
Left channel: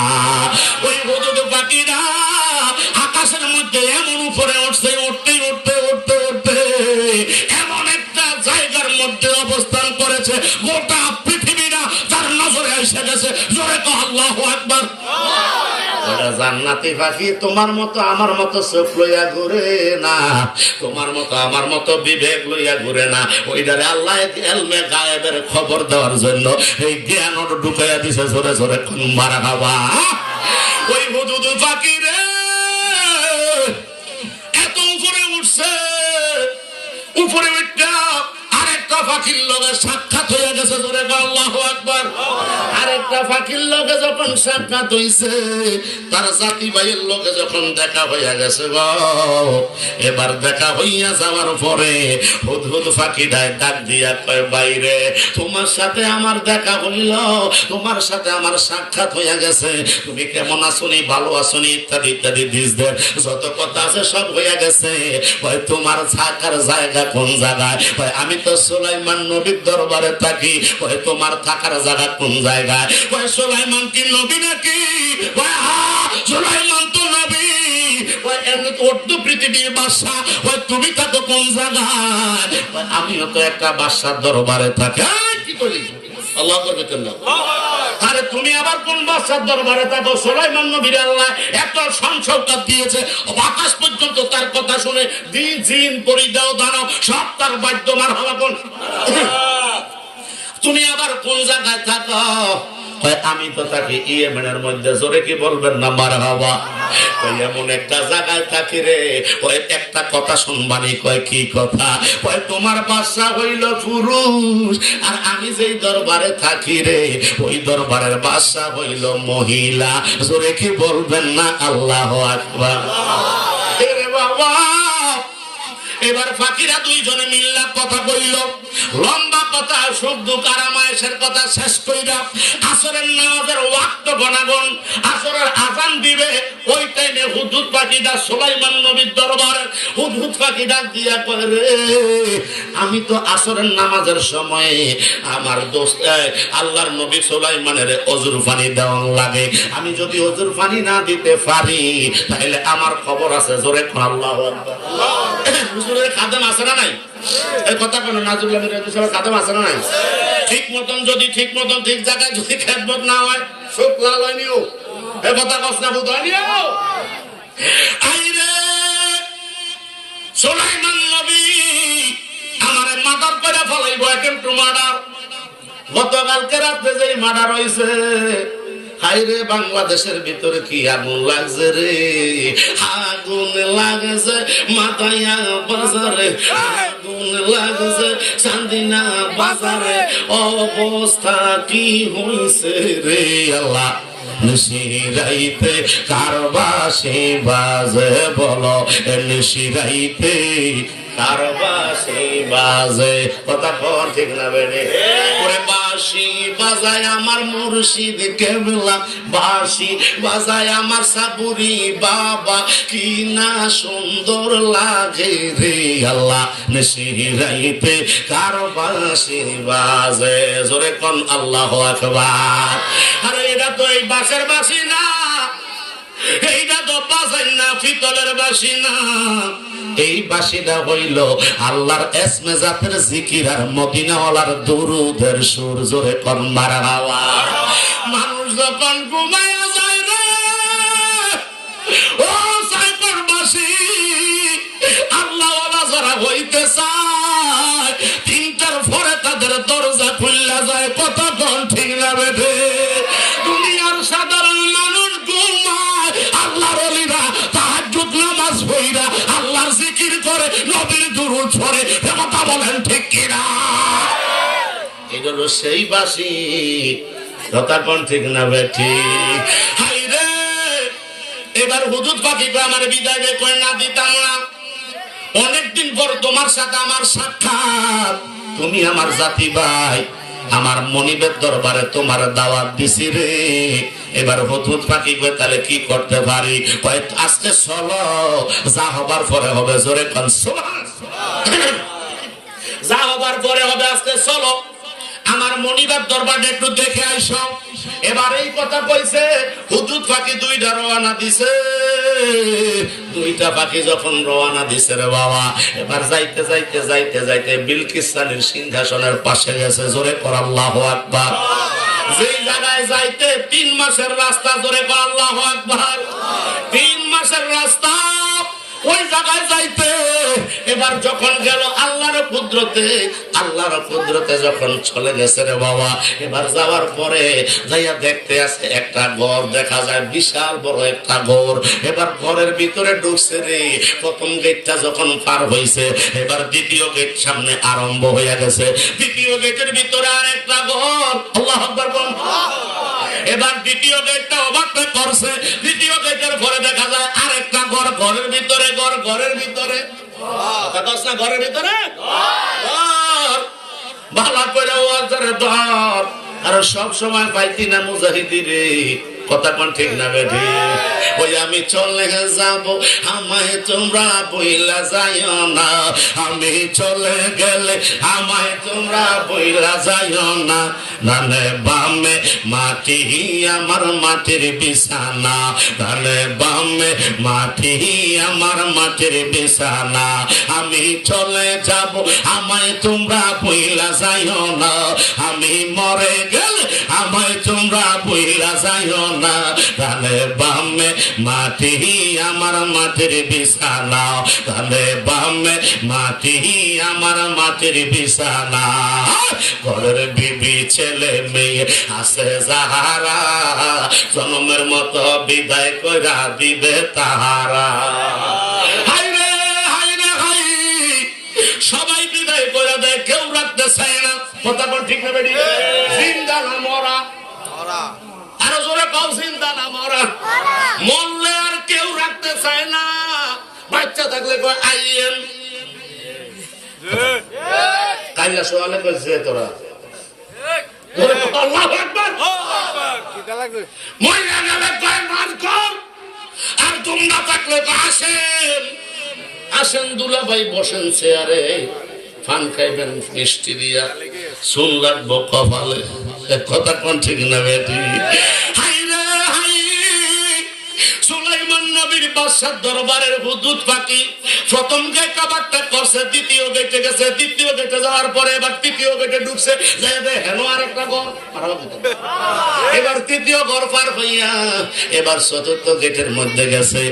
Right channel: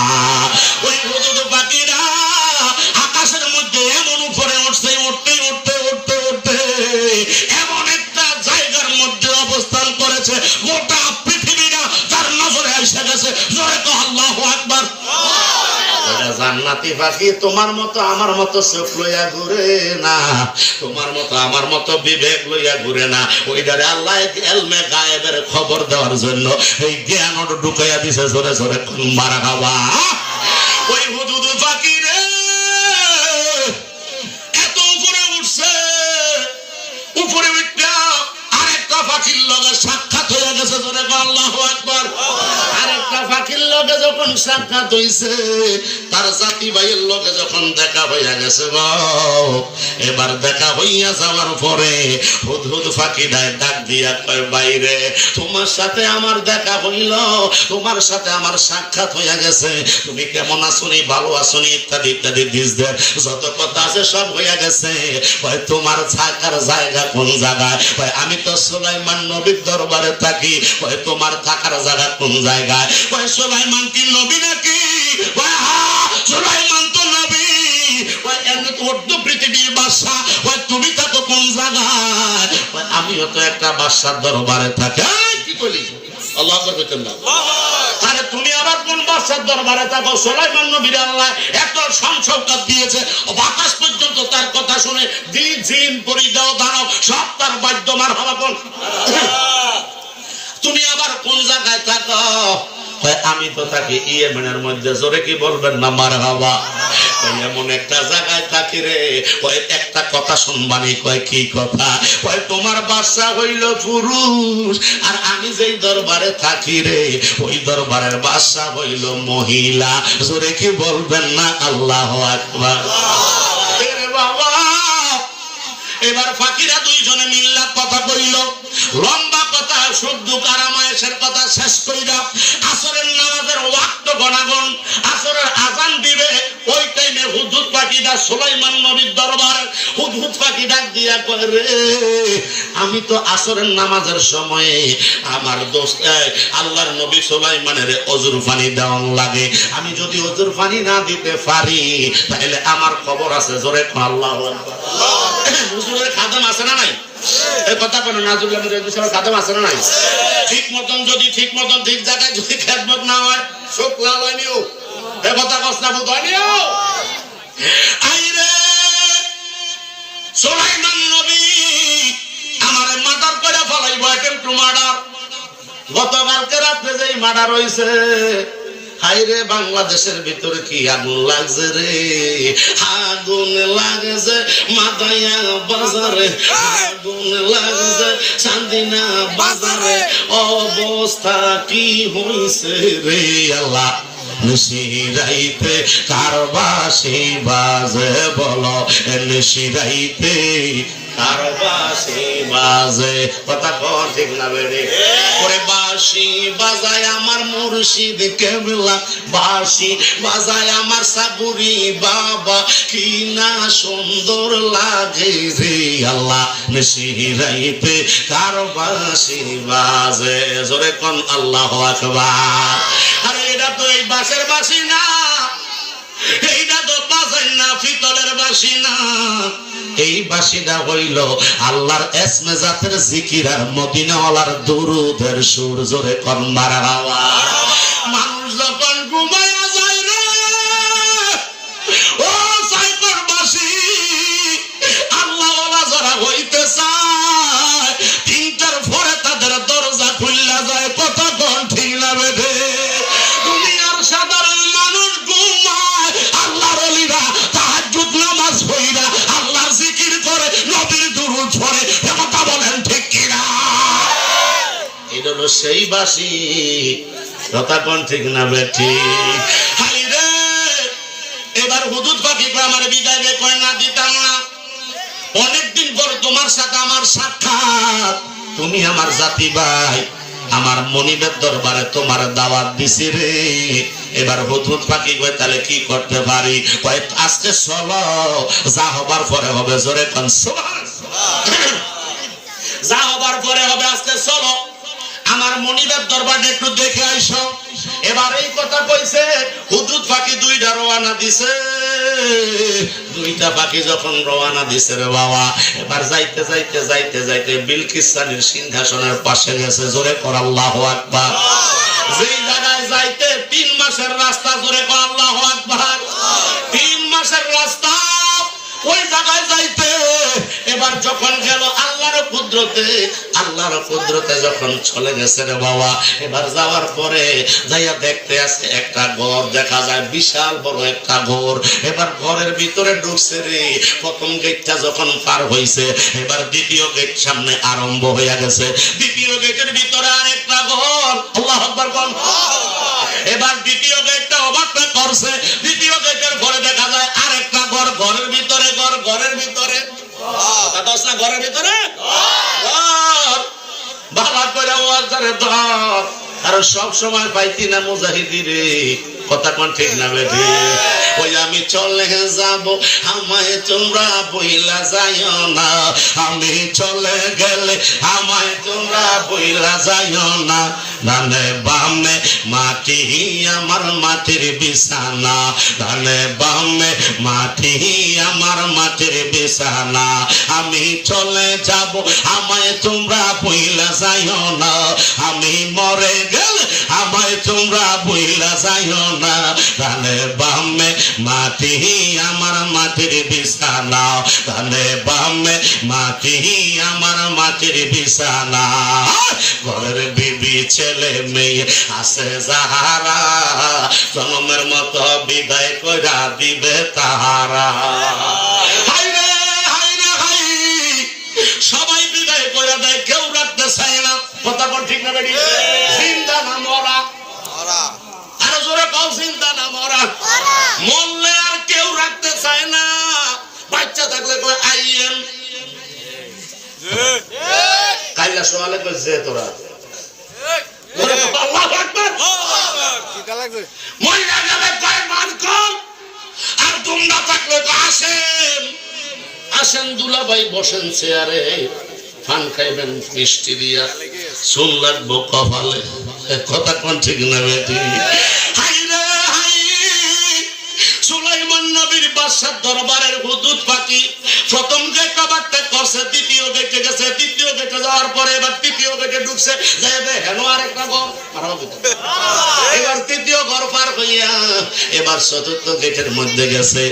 ওই হুদহুদ পাখিরা আকাশের মধ্যে এমন উপরে উঠছে, উঠতে উঠতে উঠতে উঠতে এমন একটা জায়গার মধ্যে অবস্থান করেছে, গোটা পৃথিবীটা তার নজরে এসে গেছে। জোরে কহ আল্লাহু আকবার। জান্নাতি পাখি তোমার মতো আমার মতো চোখ লইয়া ঘুরে না, তোমার মতো আমার মতো বিবেক লইয়া ঘুরে না। ওইটারে আল্লাহ এলমে গায়েবের খবর দেওয়ার জন্য এই জ্ঞান ঢুকাইয়া দিছে। জোরে জোরে মারহাবা। ওই হুদহুদ পাখি রে এত উপরে উঠছে, উপরে উঠা আরেকটা পাখির লগে সাক্ষাৎ যখন সাক্ষাৎ হইছে, তার জাতি ভাইয়ের লোকে যখন দেখা হইয়া গেছে গো, এবার দেখা হইয়া যাওয়ার পরে হুদহুদ ফাঁকিটায় ডাক দিয়া কয়, বাইরে তোমার সাথে আমার দেখা হইল, তোমার সাথে আমার সাক্ষাৎ হইয়া গেছে, তুমি কেমন আছনি, ভালো আছনি ইত্যাদি ইত্যাদি দিস দে যত কথা আছে সব হইয়া গেছে। কয় তোমার থাকার জায়গা কোন জায়গায়? কয় আমি তো সুলাইমান নবীর দরবারে থাকি। কয় তোমার থাকার জায়গা কোন জায়গায়? কয় সুলাইমান কি নবী নাকি? কয় হ্যাঁ, সুলাইমান তো নবী। কয় এমনি অর্ধ পৃথিবীর বাদশা। কয় তুমি থাকো কোন জায়গায়? কয় আমিও তো একটা বাদশার দরবারে থাকি। কি বলি? আল্লাহু আকবার। আরে তুমি আবার কোন বাদশার দরবারে থাকো? সুলাইমান নবীর আল্লাহ এত সংসদ দিয়েছে, আকাশ পর্যন্ত তার কথা শুনে জিন পরিদেও দাঁড়াও সব তার বাদ্যমান হলাপন। তুমি আবার কোন জায়গায় থাকো? আমি তো থাকি ইয়েমেনের মধ্যে। জোরে কি বলবেন না মারহাবা? এমন একটা জায়গায় থাকি রে, কয় একটা কথা শুনবানি। কয় কি কথা? কয় তোমার বাদশা হইল পুরুষ, আর আমি যেই দরবারে থাকি রে, ওই দরবারের বাদশা হইল মহিলা। জোরে কি বলবেন না আল্লাহু আকবার? বাবা, এবার ফাকিরা দুইজনে মিল্লা কথা কইল, লম্বা কথা, শুদ্ধ কারামায়েশের কথা শেষ কইরা আসরের নামাজের ওয়াক্ত গণাগণ, আসরের আযান দিবে। ওই টাইমে হুদহুদ পাখিটা সুলাইমান নবীর দরবারে হুদহুদ পাখিটা দিয়া করে, আমি তো আসরের নামাজের সময় আমার দোস্ত আল্লাহর নবী সুলাইমানের অজুর পানি দেওয়া লাগে, আমি যদি অজুর পানি না দিতে পারি তাহলে আমার খবর আছে। জোরে আল্লাহু আকবার। হুজুরের খাদেম আছে না নাই? এই কথা কেন নাজুল খাদেম আছে না নাই? ঠিক মতন যদি ঠিক মতন ঠিক জায়গায় যদি খেদমত না হয়, শোক লাল হয়নিও। এই কথা কসনা বুঝ হয়নিও। আইরে সুলাইমান নবী আমার মার্ডার করে ফলাইব, কিন্তু মার্ডার গতকালকে রাতে যেই মার্ডার হইছে, হাইরে বাংলাদেশের ভিতরে কি আগুন লাগছে রে, আগুন লাগছে মাথায়া বাজারে, আগুন লাগছে চান্দিনা বাজারে, অবস্থা কি হইছে রে আল্লাহ। নিশিরাইতে কারবাসি বাজে, বলো নিশিরাইতে কারবাসি বাজে। কথা কোন ঠিক না বেরে? ওরে বাঁশি বাজায় আমার মুর্শিদ কেবলা, বাঁশি বাজায় আমার সাপুরি বাবা, কি না সুন্দর লাগে রে আল্লাহ। নিশিরাইতে কারবাসি বাজে। জোরে কোন আল্লাহু আকবার। আরে এটা তো এই বাঁশের বাঁশি না, এইটা তো বাজায় না পিতলের বাঁশি না, এই বাঁশিটা হইল আল্লাহর এসমে জাতের জিকির আর মদিনাওয়ালার দুরুদের সুর। জোরে কোন মারহাবা। মানুষ যখন ঘুমায়া যায় রে, ও সাইবার বাঁশি আল্লাহওয়ালা যারা হইতে চায়, তিনটার পরে তাদের দরজা খুললা যায়। কত কোন ঠিক না বেঠে? দুনিয়ার সাধারণ মানুষ ঘুমায়, আল্লাহর ওলিরা তাহাজ্জুদ নামাজ পড়া আল্লাহর জিকির করে, নবীর দুরূদ পড়ে। কথা বলেন ঠিক কিনা? এটা হলো সেই বাঁশি। কথা কোন ঠিক না বেঠি? হাইরে এবার হুদুদ পাখি আমার বিদায় দে, কয় না দিতাম না, অনেকদিন পর তোমার সাথে আমার সাক্ষাৎ, তুমি আমার জাতি ভাই, আমার মনিবের দরবারে তোমার দাওয়াত দিছি রে। এবার হুদহুদ পাখি কয় তাহলে কি করতে পারি? কয় আজকে চলো, যা হবার পরে হবে। জোরে কোন সুবহানাল্লাহ। যা হবার পরে হবে, আজকে চলো আমার মনিবের দরবারে একটু দেখে আইসো। এবার এই কথা কইছে, হুদহুদ পাখি দুইটা রওনা দিছে। দুইটা পাখি যখন রওনা দিছে রে বাবা, এবার যাইতে যাইতে যাইতে যাইতে বিলকিস রানীর সিংহাসনের পাশে গেছে। জোরে কর আল্লাহু আকবার। যেই জায়গায় যাইতে 3 মাসের রাস্তা। জোরে কর আল্লাহু আকবার। 3 মাসের রাস্তা ওই জায়গায় যাইতে, এবার যখন গেল আল্লাহর কুদরতে যখন চলে গেছে রে বাবা, এবার যাওয়ার পরে যাইয়া দেখতে আছে একটা ঘর দেখা যায়, বিশাল বড় একটা ঘর। এবার ঘরের ভিতরে ঢুকছে রে, প্রথম গেটটা যখন পার হইছে, এবার দ্বিতীয় গেট সামনে আরম্ভ হইয়া গেছে। দ্বিতীয় গেটের ভিতরে আরেকটা ঘর। আল্লাহু আকবার বল। এবার দ্বিতীয় গেট করস না ঘরের ভিতরে ভালো করে ওয়াজরে ধর আর সব সময় পাইতি না মুজাহিদিরে কথা কোন ঠিক না বেঠি ওই আমি চলে যাব আমায় তোমরা বইলা যাইও না আমি চলে গেলে আমায় তোমরা বইলা যাইও না ডানে বামে মাটি আমার মাটির বিছানা ডানে বামে মাটি আমার মাটির বিছানা আমি চলে যাব আমায় তোমরা বইলা যাইও না আমি মরে গেলে আমায় তোমরা বইলা যাইও না ডানে বামে মাটি আমার মাটির বিছানা ডানে বামে মাটি আমার মাটির বিছানা ঘরের বিবি ছেলে মেয়ে আছে যাহারা জন্মের মতো বিদায় কইরা দিবে তাহারা হাইরে হাইরে হাই সবাই বিদায় করে দেয় কেউ রাখতে চায় না কথা বল ঠিক না বেডি জিন্দা না মরা আরে জোরে কও জিন্দা না মরা মরলে আর কেউ রাখতে চায় না বাচ্চা থাকলে কই আইএম কাইলা সোয়ালে কইছে তোরা আল্লাহু আকবার কি লাগবে মইলা গেলে কয় মান কর আর তোমরা থাকলে তো আসেন আসেন দুলাভাই বসেন চেয়ারে পান খাইবেন মিষ্টি দিয়া চুল রাখবো কপালে কথা কোন ঠিক না বেটি হাইরে হাই সুলাইমান নবীর বাদশার দরবারের হুদুদ পাখি প্রথম যে কাবারটা করছে দ্বিতীয় গেটে গেছে দ্বিতীয় গেটে যাওয়ার পরে এবার তৃতীয় গেটে ঢুকছে যাবে হেন আরেকটা ঘর এবার তৃতীয় ঘর পার হইয়া এবার চতুর্থ গেটের মধ্যে গেছে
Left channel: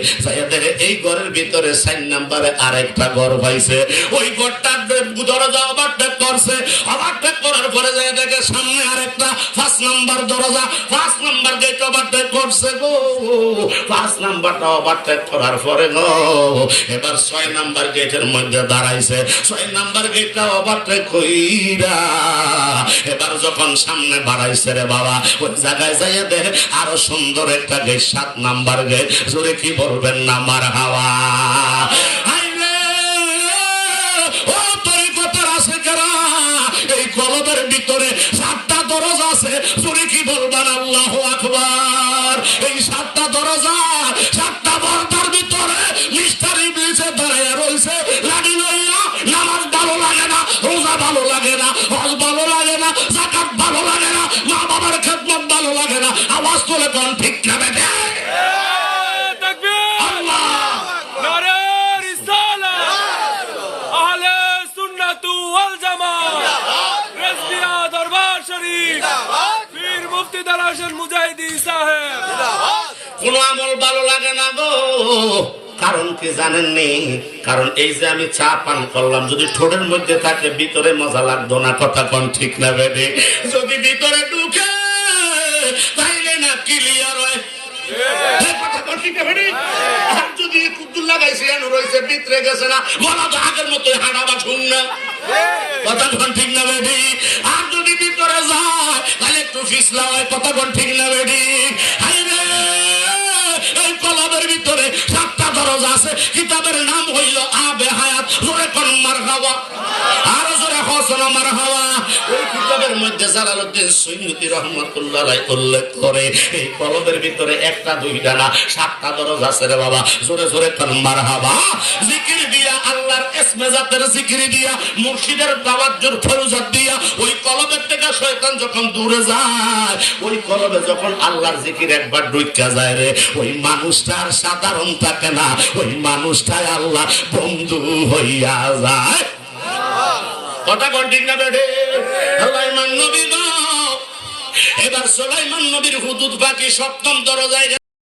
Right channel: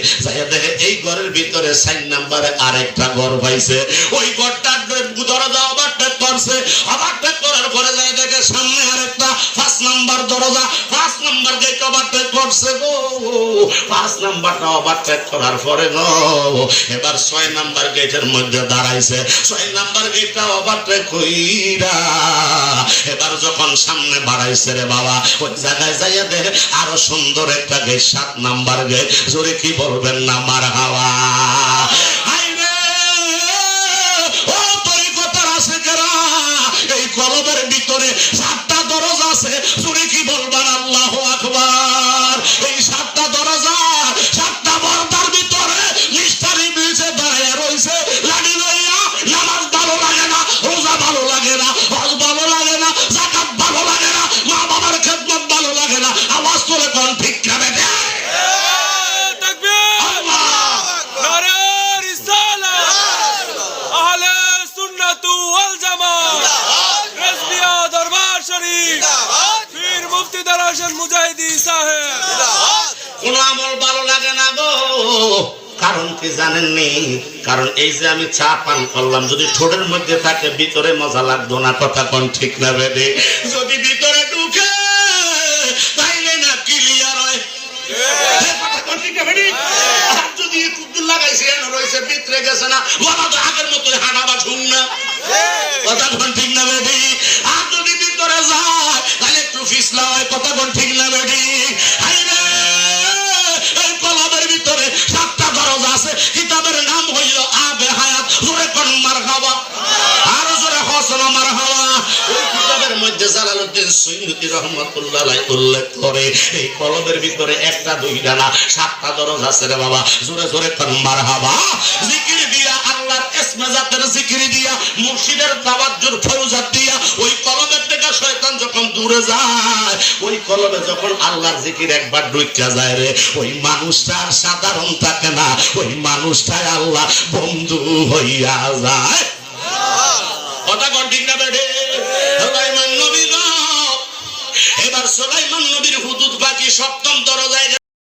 দেখে এই ঘরের ভিতরে 4 নম্বরে আরেকটা ঘর পাইছে ওই ঘরটার দরজা ওভারটেক করছে ওভারটেক করার পরে যায় দেখে সামনে আরেকটা 5 নম্বর দরজা 5 নম্বর গেট ওভারটেক করছে গো 5 নম্বরটা ওভারটেক করার পরে গো এবার 6 নম্বর গেটের মধ্যে দাঁড়াইছে 6 নম্বর গেটটা ওভারটেক কইরা এবার যখন সামনে বাড়াইছে রে বাবা ওই জায়গায় যাইয়া দেখে আরো সুন্দর একটা গেট 7 নম্বর গেট জোরে কি বলবেন না মারহাবা গরবের ভিতরে 7টা দরজা আছে জোরে কি বলবেন আল্লাহু আকবার এই 7টা দরজা 7টা পর্দার ভিতরে মিস্টার ইবলিসে দাঁড়িয়ে রইছে লাঠি লইয়া নামাজ ভালো লাগে না রোজা ভালো লাগে না হজ ভালো লাগে না যাকাত ভালো লাগে না মা বাবার খেদমত ভালো লাগে না আওয়াজ করে কোন ঠিক না বেটা তাকবীর নারে রিসালাত আহলে সুন্নাত ওয়াল জামাত রেজবিয়া দরবার শরীফ পীর মুফতি দালাশন মুজাহিদি সাহেব কোন আমল ভালো লাগে না গো কারণ কি জানেন নি কারণ এই যে আমি চা পান করলাম যদি ঠোঁটের মধ্যে থাকে ভিতরে মজা লাগতো না কথা কোন ঠিক না বেদে যদি ভিতরে ঢুকে তাইলে না ক্লিয়ার হয় কথা কোন ঠিক না বেদে আর যদি একটু লাগাইছে এন রইছে ভিতরে গেছে না বলা তো আগের মতো হাঁটাবা শুন না কথা কোন ঠিক না বেদে আর যদি ভিতরে যায় তাহলে একটু ফিসলা হয় কথা কোন ঠিক না বেদে হাইরে এই কলবের ভিতরে 7টা দরজা আছে কিতাবের নাম হইল আবে হায়াত জোরে কোন মারহাবা আর জোরে হোসেন মারহাবা ওই কিতাবের মধ্যে জালালউদ্দিন সুয়ুতী রাহমাতুল্লাহ আলাইহি উল্লেখ করে এই কলবের ভিতরে 1টা 2টা না 7টা দরজা আছে রে বাবা জোরে জোরে কোন মারহাবা জিকির দিয়া আল্লাহর ইসমে জাতের জিকির দিয়া মুর্শিদের তাওয়াজ্জুর ফৌজাত দিয়া ওই কলবের থেকে শয়তান যখন দূরে যায় ওই কলবে যখন আল্লাহর জিকির একবার ঢুইকা যায় রে ওই মানুষটা সাধারণ থাকে না ওই মানুষটা আল্লাহ বন্ধু হইয়া যায়